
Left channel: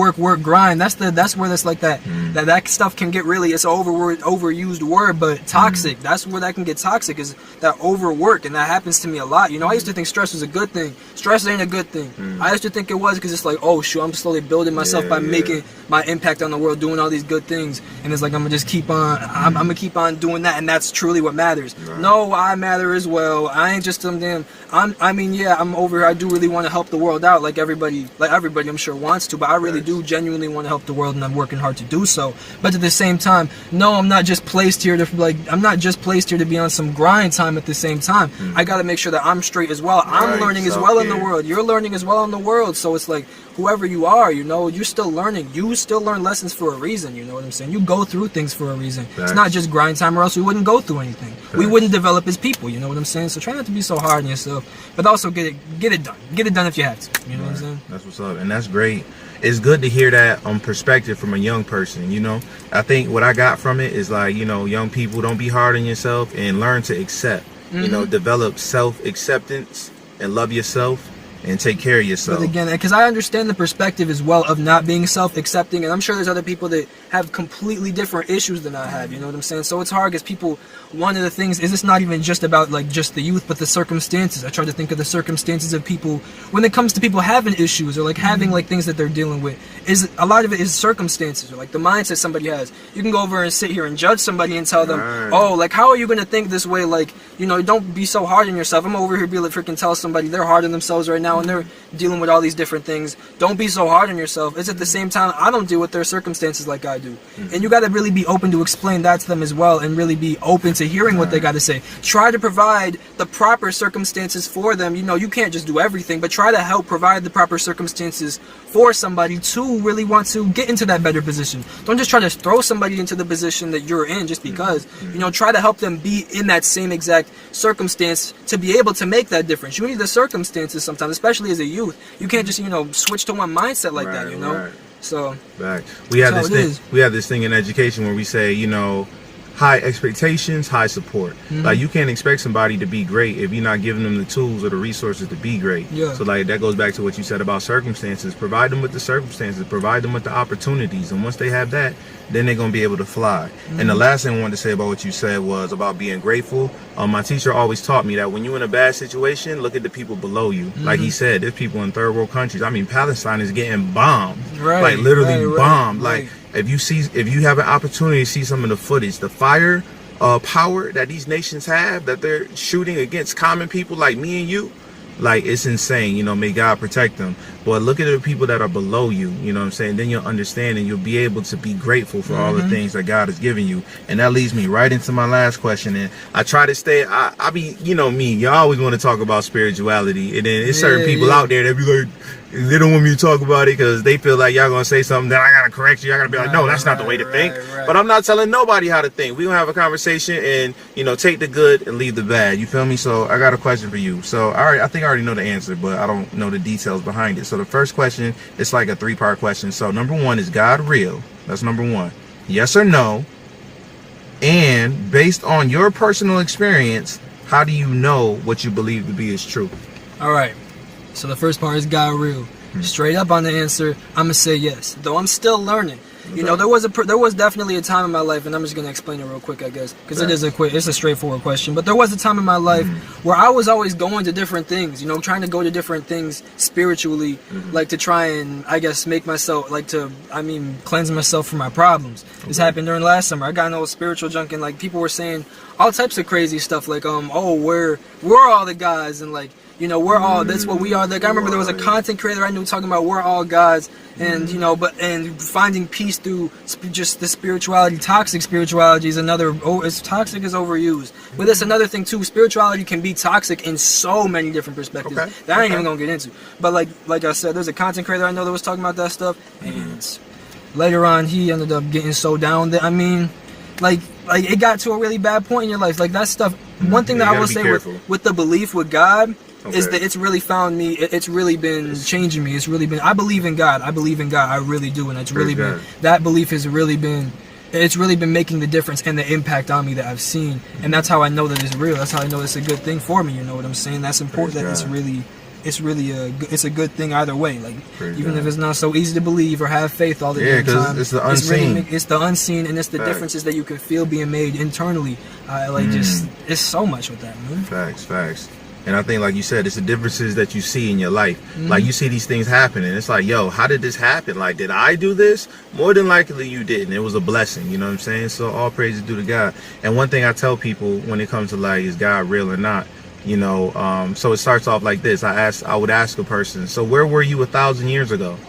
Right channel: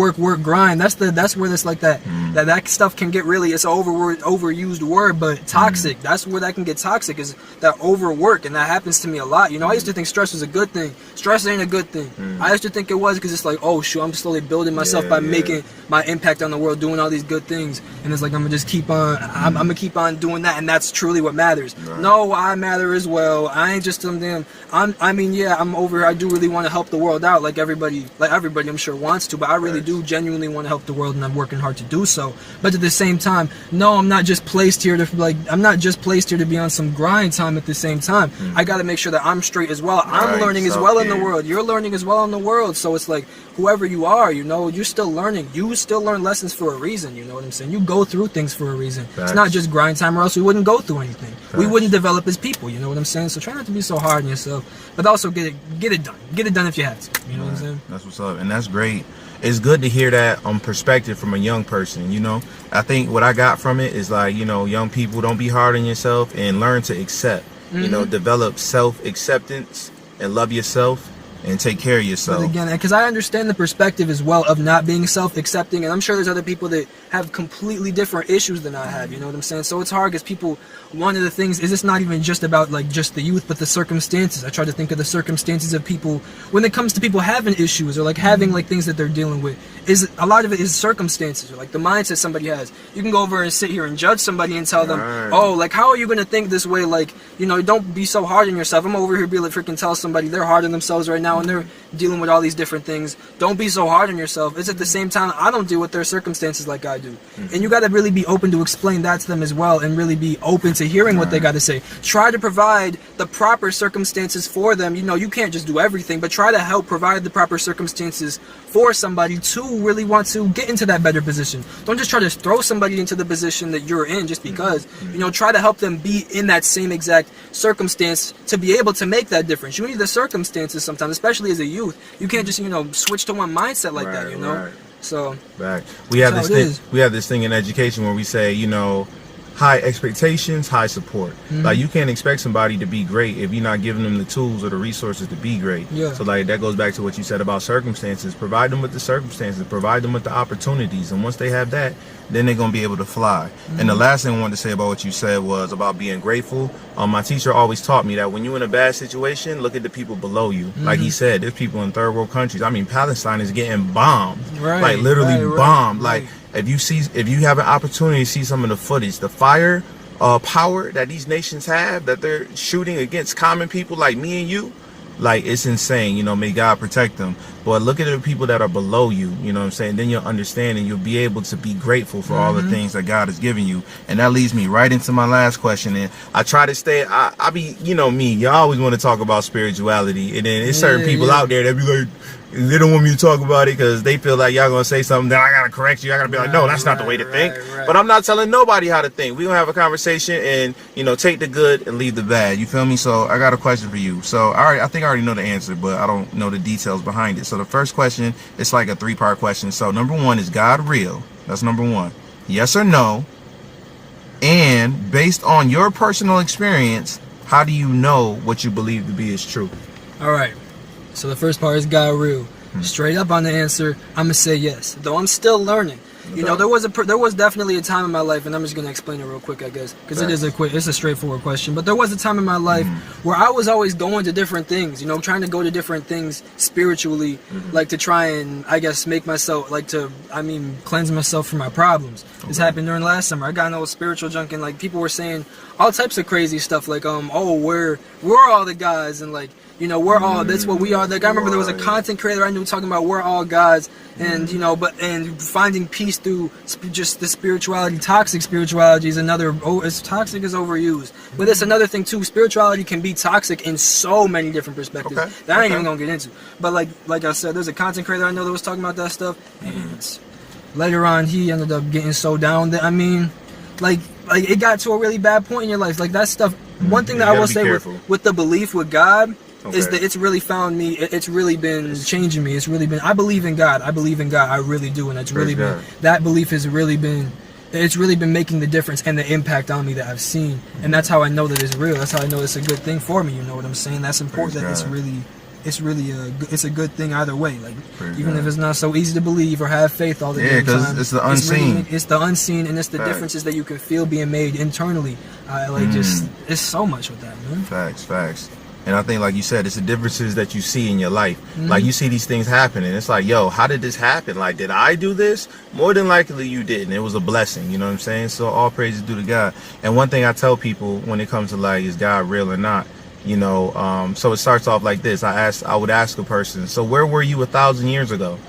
grind. That's where this like that stuff can get really, it's an overused word, but toxic. That's where that can get toxic, is that overwork, and that happens to me a lot. You know, I used to think stress was a good thing. Stress ain't a good thing. I used to think it was, because it's like, oh shoot, I'm slowly building myself by making my impact on the world, doing all these good things, and it's like I'm gonna just keep on. I'm gonna keep on doing that, and that's truly what matters. No, I matter as well. I ain't just some damn. I'm over here. I do really want to help the world out, like everybody I'm sure wants to, but I really do genuinely want to help the world, and I'm working hard to do so. But at the same time, no, I'm not just placed here to be on some grind time. At the same time, I got to make sure that I'm straight as well. I'm learning as well in the world. You're learning as well in the world. So it's like, whoever you are, you know, you're still learning. You still learn lessons for a reason. You know what I'm saying? You go through things for a reason. It's not just grind time, or else we wouldn't go through anything. We wouldn't develop as people. You know what I'm saying? So try not to be so hard on yourself, but also get it done. Get it done if you have to. You know what I'm saying? That's what's up, and that's great. It's good to hear that perspective from a young person. You know, I think what I got from it is like, you know, young people, don't be hard on yourself and learn to accept. You know, develop self-acceptance and love yourself and take care of yourself. But again, because I understand the perspective as well of not being self-accepting, and I'm sure there's other people that have completely different issues than I have, you know what I'm saying? So it's hard, because people, one of the things is, it's not even just about like just the youth, but the circumstances. I try to think of the circumstances of people when it comes to people having issues, or like having like things that they're dealing with. Is a lot of it is circumstances, or like the mindset somebody has. You can go over and sit here and judge somebody and tell them, oh, like, how are you going to think this way? Like, you know, don't be so hard on yourself. I'm over here be like freaking tell somebody they're hard on themselves right now, and they're dealing with all these different things. Don't be so hard on yourself. It's at the same time, I don't deal with their circumstances like I do. And you got to really be open to explain that to them as well, and really be open to hearing what they got to say. Try to provide the proper circumstances for them. You know, you can't just do everything, but try to help provide the proper circumstances for somebody to really want to get into that better position. Don't just try to throw somebody into the position that you're in just because. You know, try to help them be in that same exact circumstance to be able to make that difference. You need the circumstances sometimes, especially as a youth. You can't just, you know, switch to one mindset like that, you know? So we have this thing in education where we say, you know, high expectations, high support. Like, you can't expect somebody to be great if you're not giving them the tools or the resources to be great. So like, that goes back to what you said about circumstances. Provide them with the circumstances, provide them with the opportunities, and once they have that, then they're gonna be able to fly. And the last thing I wanted to say about what you said was about being grateful. My teacher always taught me that when you're in a bad situation, look at the people below you. Like he said, there's people in third world countries. I mean, Palestine is getting bombed, like literally bombed. Like, if you have an opportunity to see some of the footage, the fire power that these nations have, that they're shooting against common people like me and you, Like, it's insane, you know, may God protect them. But look at the people that are below you, you know what I'm saying? Then you'll understand and you'll be able to be grateful for all the things that God has given you. And that leads me right into my last question. And I try to stay, I be, you know me, you always want to talk about spirituality. And then there's certain people out there that be like, they don't want me to talk about it because they feel like y'all gonna say something, then I gotta correct you. I gotta be like, no, that's not the way to think. But I'm not telling nobody how to think. We're gonna have a conversation and, you know, take the good and leave the bad. You feel me? So I got a question for you. So I think I already know the answer, but I don't know the details behind it. So the first question, it's like a 3-part question. So number 1, is God real? That's number 1. Yes or no? And based on your personal experience, how do you know what you believe to be is true? All right. So the first part is God real. Straight up on the answer, I'm gonna say yes. Though I'm still learning. You know, there was definitely a time in my life, and I'm just gonna explain it real quick, I guess, because it's a straightforward question. But there was a time in my life where I was always going to different things. You know, trying to go to different things spiritually, like to try and, I guess, make myself cleanse myself from my problems. This happened during last summer. I got in a spiritual junk, and like people were saying all types of crazy stuff, like we're all the guys, and like, you know, we're all, that's what we are. Like, I remember there was a content creator I knew talking about we're all gods, and, you know, and finding peace through just the spirituality. Toxic spirituality is another, it's toxic is overused. But that's another thing, too. Spirituality can be toxic in so many different perspectives that I ain't even gonna get into. But like I said, there's a content creator I know that was talking about that stuff, and later on, he ended up getting so down that, I mean, like it got to a really bad point in your life. Like, that stuff, one thing that I want to say with the belief with God, is that it's really found me, it's really been changing me. It's really been, I believe in God. I really do. And it's really been, that belief has really been, it's really been making the difference and the impact on me that I've seen. And that's how I know that it's real. That's how I know it's a good thing for me. You know what I'm saying? That's important. That it's a good thing either way. Like, even if it's not so easy to believe or have faith all the time. Yeah, because it's the unseen. It's the unseen, and it's the differences that you can feel being made internally. Just, it's so much with that, man. Facts. And I think, like you said, it's the differences that you see in your life. Like, you see these things happen, and it's like, yo, how did this happen? Like, did I do this? More than likely you didn't. It was a blessing, you know what I'm saying? So all praises due to God. And one thing I tell people when it comes to, like, is God real or not? You know, so it starts off like this. I would ask a person, so where were you 1,000 years ago?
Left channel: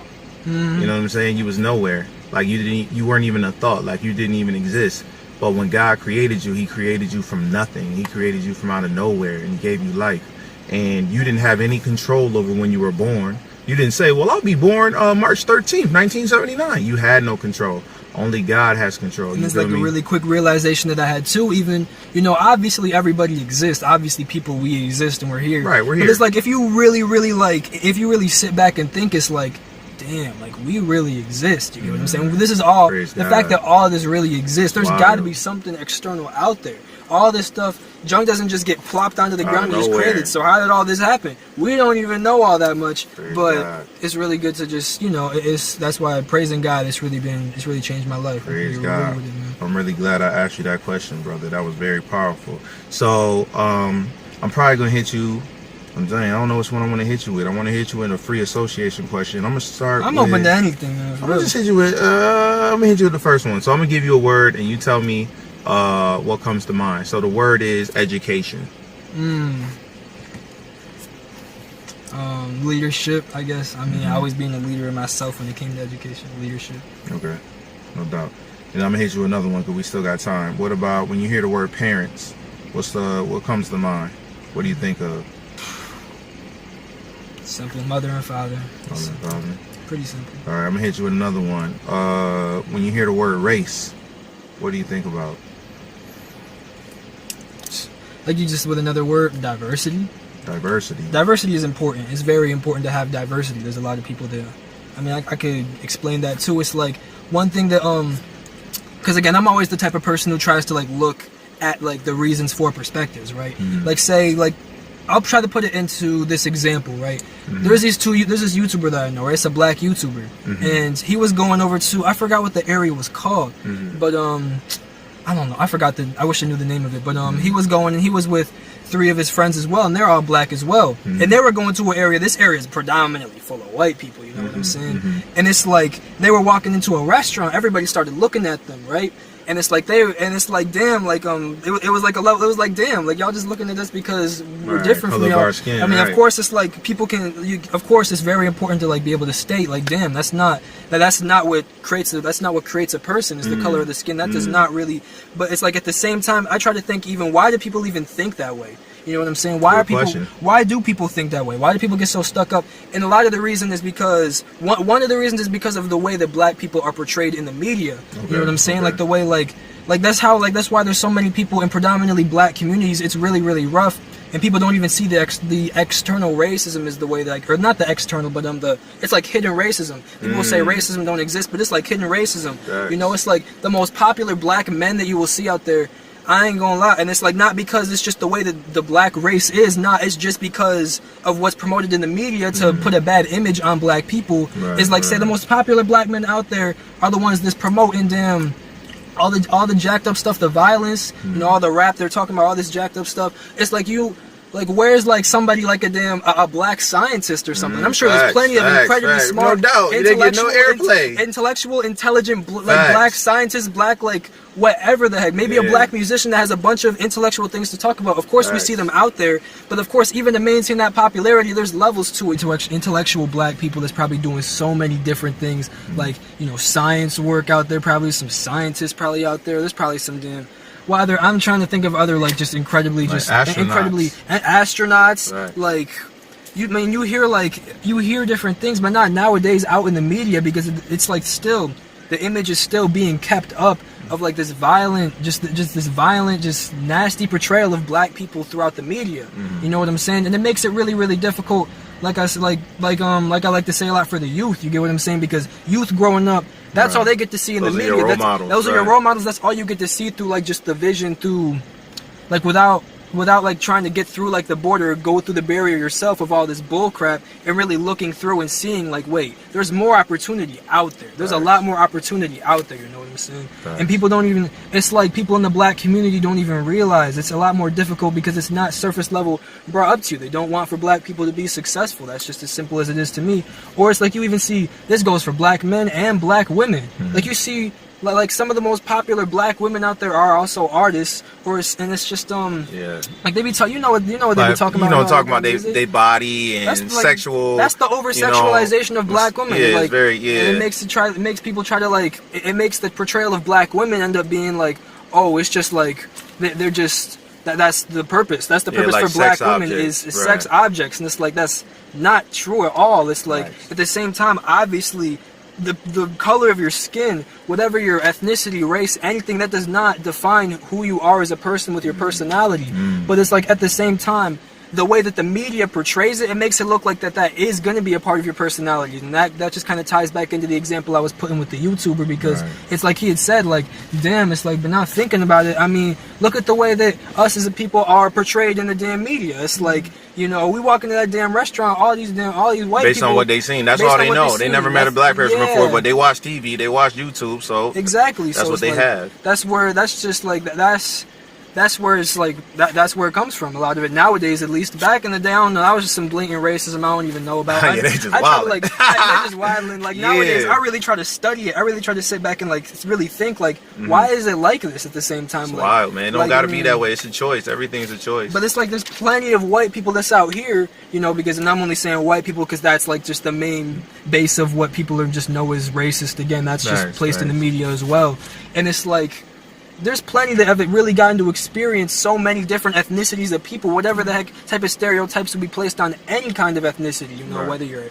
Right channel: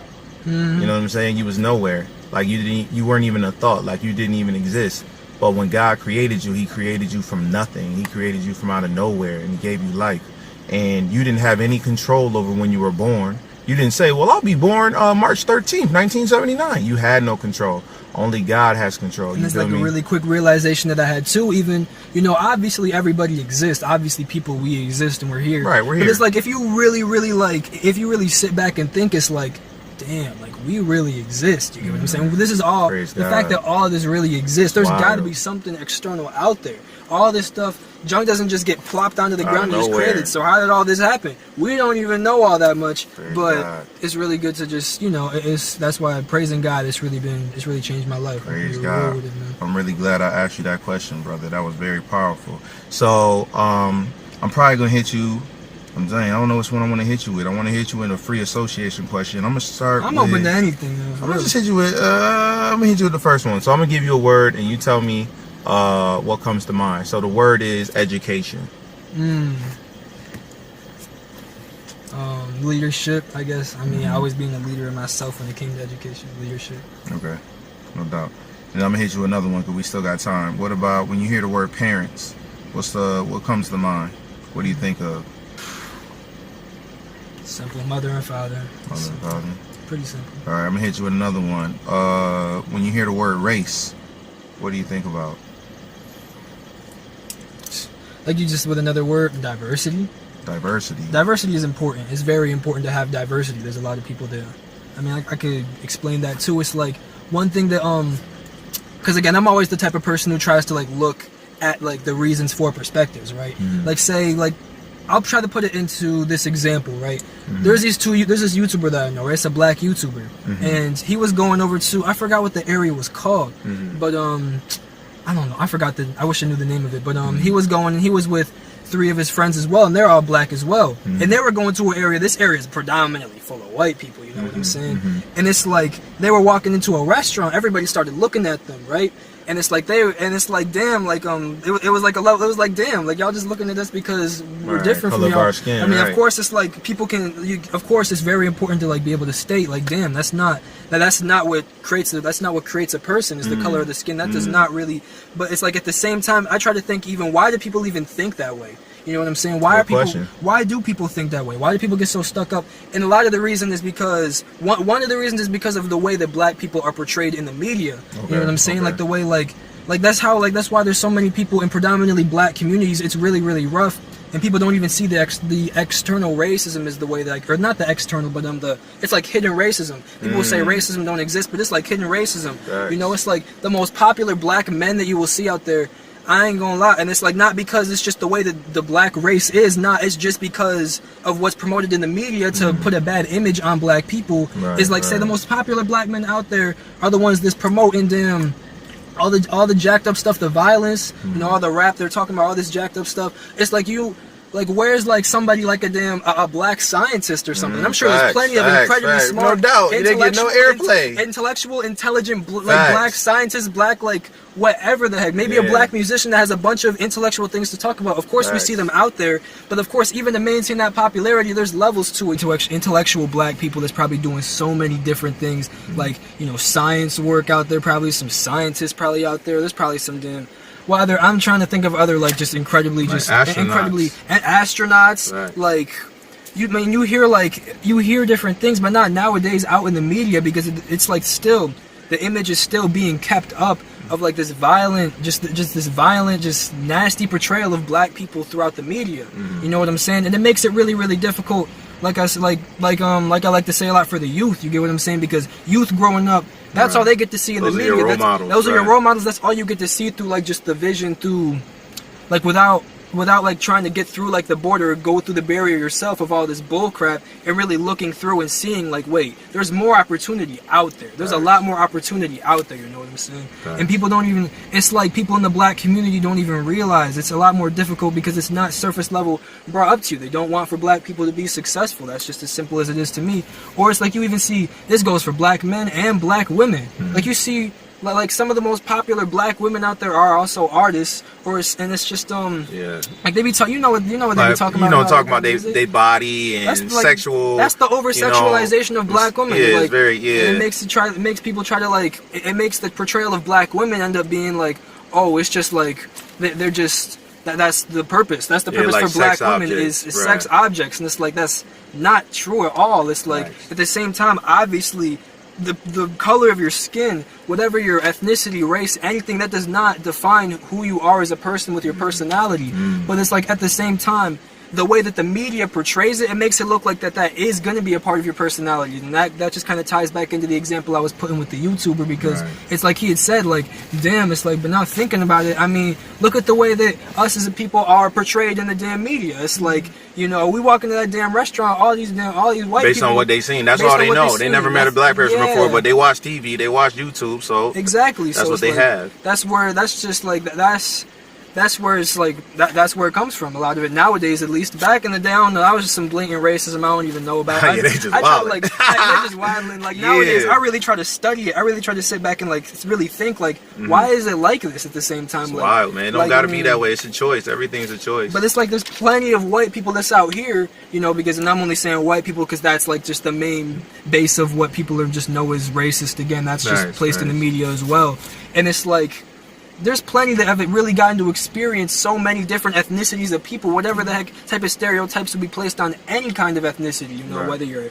You know what I'm saying? You was nowhere. Like, you weren't even a thought. Like, you didn't even exist. But when God created you, he created you from nothing. He created you from out of nowhere, and he gave you life. And you didn't have any control over when you were born. You didn't say, well, I'll be born March 13th, 1979. You had no control. Only God has control. And it's like a really quick realization that I had too. Even, you know, obviously everybody exists. Obviously we exist and we're here. Right, we're here. But it's like, if you really sit back and think, it's like, damn, like, we really exist. You get what I'm saying? This is all, fact that all of this really exists. There's got to be something external out there. All this stuff, junk doesn't just get plopped onto the ground and just created. So how did all this happen? We don't even know all that much. But it's really good to just, you know, that's why praising God, it's really changed my life. Praise God. I'm really glad I asked you that question, brother. That was very powerful. So I'm probably gonna hit you. I don't know which one I want to hit you with. I want to hit you with a free association question. I'm open to anything. I'm gonna just hit you with. I'm gonna hit you with the first one. So I'm gonna give you a word, and you tell me what comes to mind. So the word is education. Leadership, I guess. I mean, always being a leader in myself when it came to education. Leadership. Okay, no doubt. And I'm gonna hit you with another one because we still got time. What about when you hear the word parents? What comes to mind? What do you think of? Simple. Mother and father. Mother and father. Pretty simple. All right, I'm gonna hit you with another one. When you hear the word race, what do you think about? Like, you just with another word, diversity. Diversity is important. It's very important to have diversity. There's a lot of people that, I mean, I could explain that too. It's like one thing that, because again, I'm always the type of person who tries to like look at like the reasons for perspectives, right? Like, say, like, I'll try to put it into this example, right? There's this YouTuber that I know, right? It's a black YouTuber, and he was going over to, I forgot what the area was called, but I don't know. I wish I knew the name of it, but he was going, and he was with 3 of his friends as well, and they're all black as well. And they were going to an area, this area is predominantly full of white people, you know what I'm saying? And it's like, they were walking into a restaurant, everybody started looking at them, right? And it's like damn, like it was like a level. It was like damn, like y'all just looking at us because we're different from y'all. Skin, I mean, of course, it's like people of course, it's very important to like be able to state like, damn, that's not what creates a person is the color of the skin. That does not really. But it's like at the same time, I try to think even why do people even think that way? You know what I'm saying? Why do people think that way? Why do people get so stuck up? And a lot of the reason is because one of the reasons is because of the way that black people are portrayed in the media. Okay, you know what I'm saying? Like the way like that's why there's so many people in predominantly black communities. It's really, really rough, and people don't even see the external racism is the way that, or not the external, but it's like hidden racism. People will say racism don't exist, but it's like hidden racism. Right. You know, it's like the most popular black men that you will see out there. I ain't gonna lie, and it's like not because it's just the way that the black race is, it's just because of what's promoted in the media to put a bad image on black people. It's like say the most popular black men out there are the ones that's promoting damn all the jacked up stuff, the violence, you know, all the rap they're talking about, all this jacked up stuff. It's like where's like somebody like a black scientist or something? I'm sure there's plenty of incredibly smart, no doubt, they get no airplay, intellectual, intelligent, black scientists, black like whatever the heck. Maybe a black musician that has a bunch of intellectual things to talk about. Of course, we see them out there, but of course, even to maintain that popularity, there's levels to it. Intellectual black people that's probably doing so many different things, like you know, science work out there. Probably some scientists probably out there. There's probably some damn. Well, I'm trying to think of other like just incredibly like just astronauts. Right. Like you hear different things, but not nowadays out in the media because it's like still the image is still being kept up of like this violent, just nasty portrayal of black people throughout the media. You know what I'm saying? And it makes it really, really difficult. Like I like to say a lot for the youth. You get what I'm saying? Because youth growing up, that's all they get to see in the media. Those are your role models. That's all you get to see through like just the vision through, like without like trying to get through like the border or go through the barrier yourself of all this bull crap and really looking through and seeing like, wait, there's more opportunity out there. There's a lot more opportunity out there, you know what I'm saying? And people don't even, it's like people in the black community don't even realize it's a lot more difficult because it's not surface level brought up to you. They don't want for black people to be successful. That's just as simple as it is to me. Or it's like you even see, this goes for black men and black women. Like you see, like some of the most popular black women out there are also artists, and it's just like they be talking. You know what they be talking about. Talking about their body and that's sexual. That's the over sexualization of black women. Yeah, like, it's very And it makes people try to like. It makes the portrayal of black women end up being like, oh, it's just like they're just. That's the purpose. That's the purpose like for black women is sex objects, and it's like that's not true at all. It's like at the same time, obviously. The color of your skin, whatever your ethnicity, race, anything, that does not define who you are as a person with your personality. But it's like at the same time, the way that the media portrays it, it makes it look like that is going to be a part of your personality. And that just kind of ties back into the example I was putting with the YouTuber, because it's like he had said, like, damn, it's like, but now thinking about it, I mean, look at the way that us as a people are portrayed in the damn media. It's like, you know, we walk into that damn restaurant, all these white based people. on what they seen. That's all they know. They never met a black person before, but they watch TV, they watch YouTube, so exactly. That's so what they like, have. That's where it's like that's where it comes from. A lot of it nowadays, at least. Back in the day, I don't know. That was just some blatant racism I don't even know about. They just wilding. They're just wilding. Like nowadays, I really try to study it. I really try to sit back and like really think like, why is it like this at the same time? It's like, wild, man. Don't gotta be that way. It's a choice. Everything's a choice. But it's like there's plenty of white people that's out here, you know, because, and I'm only saying white people because that's like just the main base of what people are just know is racist. Again, that's just placed in the media as well. And it's like, there's plenty that have really gotten to experience so many different ethnicities of people, whatever the heck type of stereotypes would be placed on any kind of ethnicity, you know, whether you're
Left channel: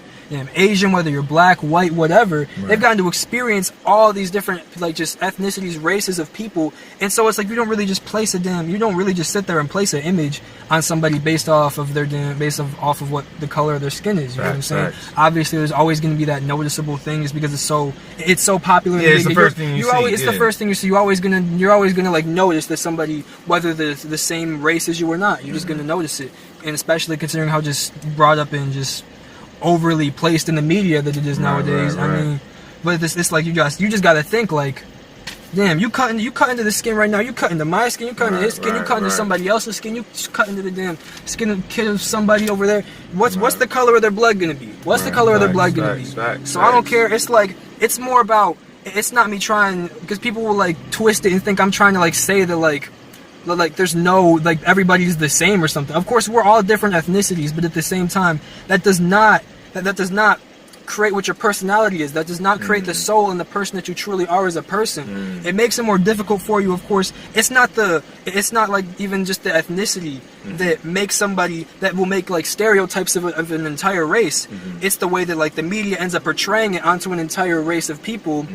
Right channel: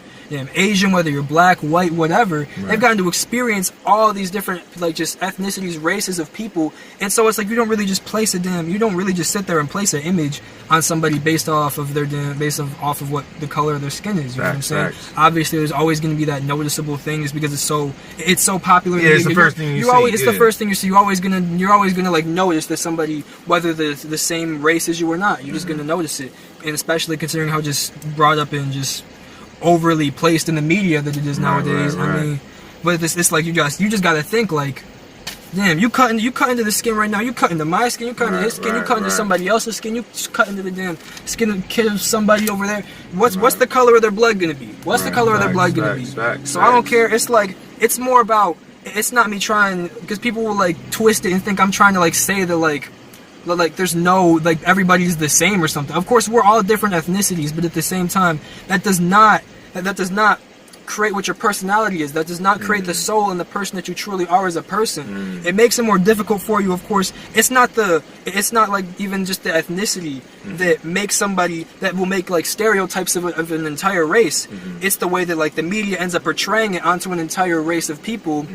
Asian, whether you're black, white, whatever. They've gotten to experience all these different, like, just ethnicities, races of people. And so it's like, you don't really just sit there and place an image on somebody based off of off of what the color of their skin is. You know what I'm saying? Obviously, there's always going to be that noticeable thing just because it's so popular. Yeah, it's the first thing you see. It's the first thing you see. You're always gonna like notice that somebody, whether they're the same race as you or not, you're just gonna notice it. And especially considering how just brought up and just overly placed in the media that it is nowadays. I mean, but it's like you just gotta think like, damn, you cut into the skin right now. You cut into my skin. You cut into his skin. You cut into somebody else's skin. You cut into the damn skin of kid of somebody over there. What's the color of their blood gonna be? What's the color of their blood gonna be? So I don't care. It's like it's more about it's not me trying, because people will like twist it and think I'm trying to like say that like there's no, like everybody's the same or something. Of course, we're all different ethnicities, but at the same time, that does not create what your personality is. That does not create the soul and the person that you truly are as a person. It makes it more difficult for you. Of course, it's not like even just the ethnicity that makes somebody, that will make like stereotypes of an entire race. It's the way that like the media ends up portraying it onto an entire race of people.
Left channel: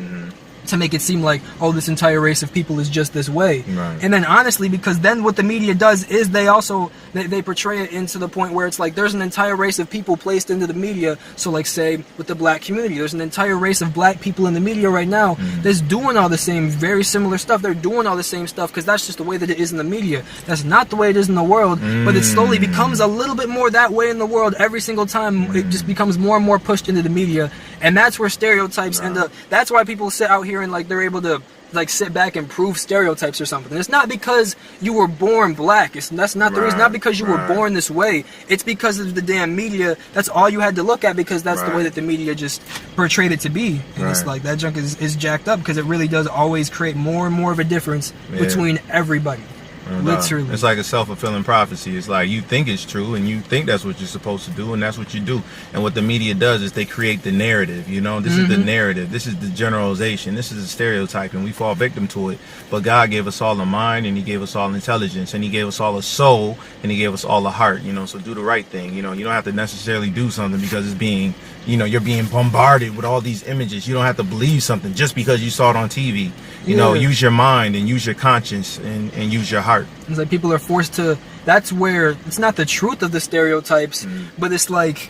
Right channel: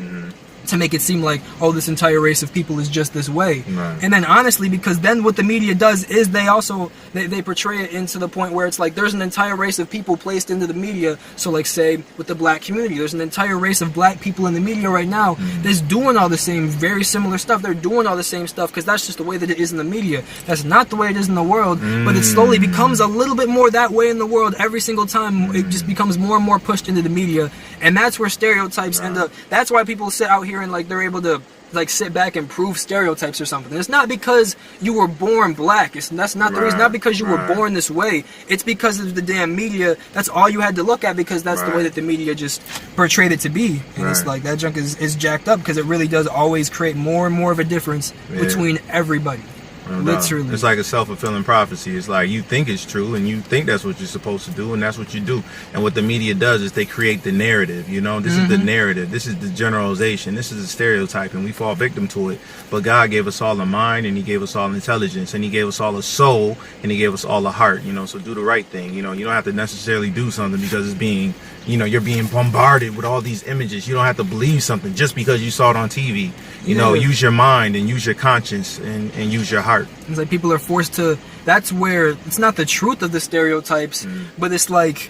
To make it seem like, oh, this entire race of people is just this way. Right. And then honestly, because then what the media does is they also, they portray it into the point where it's like there's an entire race of people placed into the media. So like say with the black community, there's an entire race of black people in the media right now that's doing all the same, very similar stuff. They're doing all the same stuff because that's just the way that it is in the media. That's not the way it is in the world, but it slowly becomes a little bit more that way in the world every single time. It just becomes more and more pushed into the media. And that's where stereotypes end up. That's why people sit out here and like they're able to like sit back and prove stereotypes or something. It's not because you were born black. That's not the reason. Not because you were born this way. It's because of the damn media. That's all you had to look at, because that's the way that the media just portrayed it to be. And it's like that junk is jacked up, because it really does always create more and more of a difference between everybody. Literally. It's like a self-fulfilling prophecy. It's like you think it's true and you think that's what you're supposed to do, and that's what you do. And what the media does is they create the narrative, you know. This is the narrative. This is the generalization. This is the stereotype, and we fall victim to it. But God gave us all a mind, and he gave us all intelligence, and he gave us all a soul, and he gave us all a heart, you know. So do the right thing. You know, you don't have to necessarily do something because it's being, you know, you're being bombarded with all these images. You don't have to believe something just because you saw it on TV. You know, use your mind and use your conscience and use your heart. It's like people are forced to, that's where, it's not the truth of the stereotypes, but it's like,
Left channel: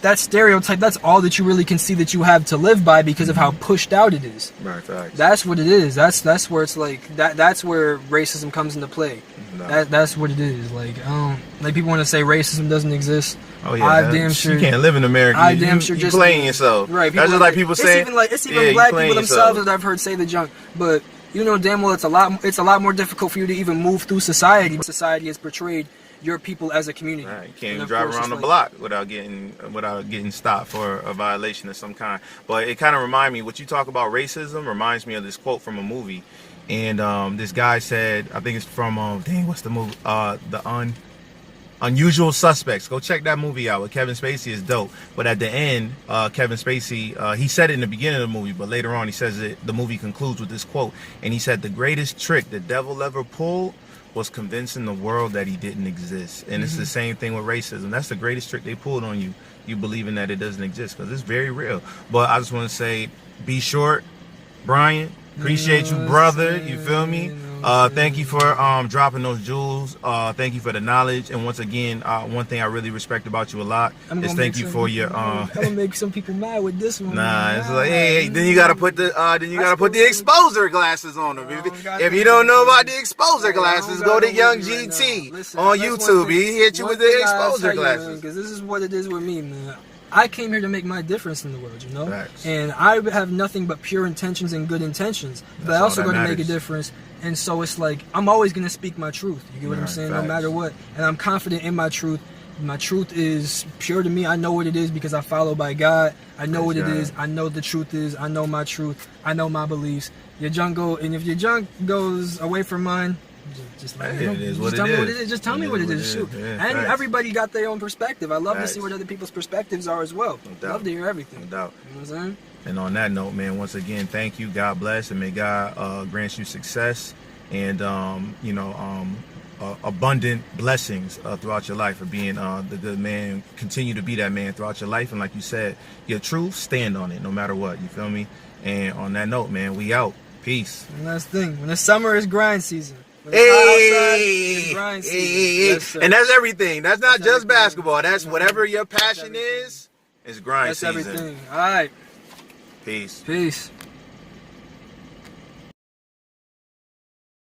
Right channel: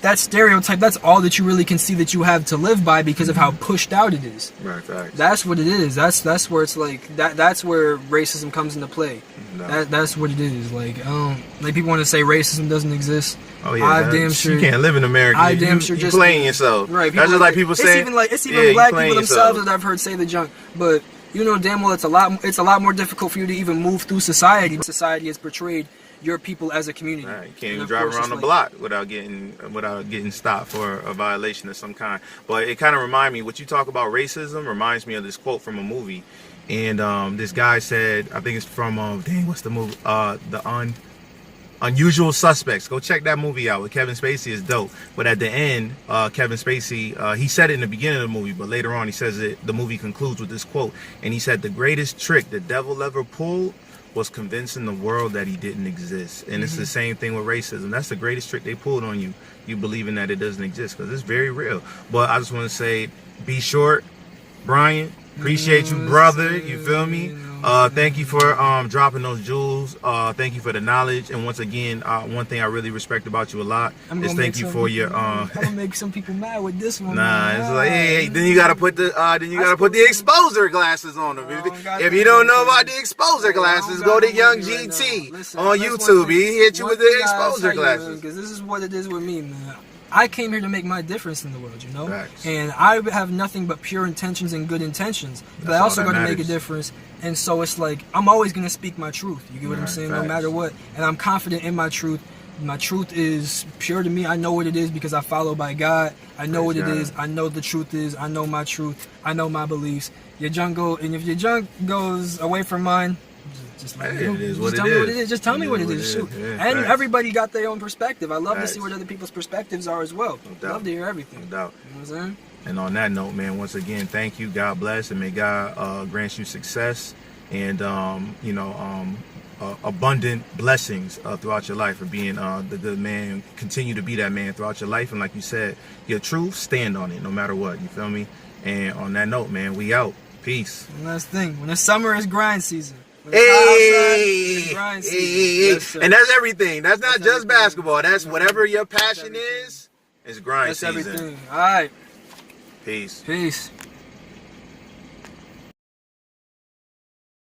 that stereotype, that's all that you really can see that you have to live by because of how pushed out it is. Right, facts. That's what it is. That's where it's like, that's where racism comes into play. No. That's what it is. Like people want to say racism doesn't exist. Oh yeah, you can't live in America. You playing yourself. Right. That's just like people saying. It's even black people themselves that I've heard say the junk. But you know damn well it's a lot more difficult for you to even move through society. Society has portrayed your people as a community. Right. You can't even drive around the block without getting stopped for a violation of some kind. But it kind of reminds me, what you talk about racism reminds me of this quote from a movie. And this guy said, I think it's from what's the movie? Unusual Suspects. Go check that movie out with Kevin Spacey. Is dope. But at the end, Kevin Spacey, he said it in the beginning of the movie, but later on he says it. The movie concludes with this quote, and he said, "The greatest trick the devil ever pulled was convincing the world that he didn't exist." And it's the same thing with racism. That's the greatest trick they pulled on you. You believing that it doesn't exist, because it's very real. But I just want to say, be short, Brian. Appreciate you, brother. You feel me? Thank you for dropping those jewels. Thank you for the knowledge. And once again, one thing I really respect about you a lot is thank you for your. I'm gonna make some people mad with this one. Nah, it's like, hey, then you gotta put the exposure glasses on them. If you don't know about the exposure glasses, go to YoungGT on YouTube. He hit you with the exposure glasses. Because this is what it is with me, man. I came here to make my difference in the world, you know? Facts. And I have nothing but pure intentions and good intentions. But I also got to make a difference. And so it's like, I'm always going to speak my truth. You get what I'm saying? Facts. No matter what. And I'm confident in my truth. My truth is pure to me. I know what it is because I follow by God. I know what it is. I know the truth is. I know my truth. I know my beliefs. And if your junk goes away from mine, just tell me what it is. Just tell me what it is. Shoot. And everybody got their own perspective. I love to see what other people's perspectives are as well. I love to hear everything. No doubt. You know what I'm saying? And on that note, man, once again, thank you. God bless, and may God grant you success and abundant blessings throughout your life for being the good man. Continue to be that man throughout your life. And like you said, your truth, stand on it no matter what. You feel me? And on that note, man, we out. Peace. One last thing. When it's summer, it's grind season. Hey, yes, and that's everything. That's not just basketball. That's whatever your passion is. It's grind season. That's everything. All right. Peace. Peace.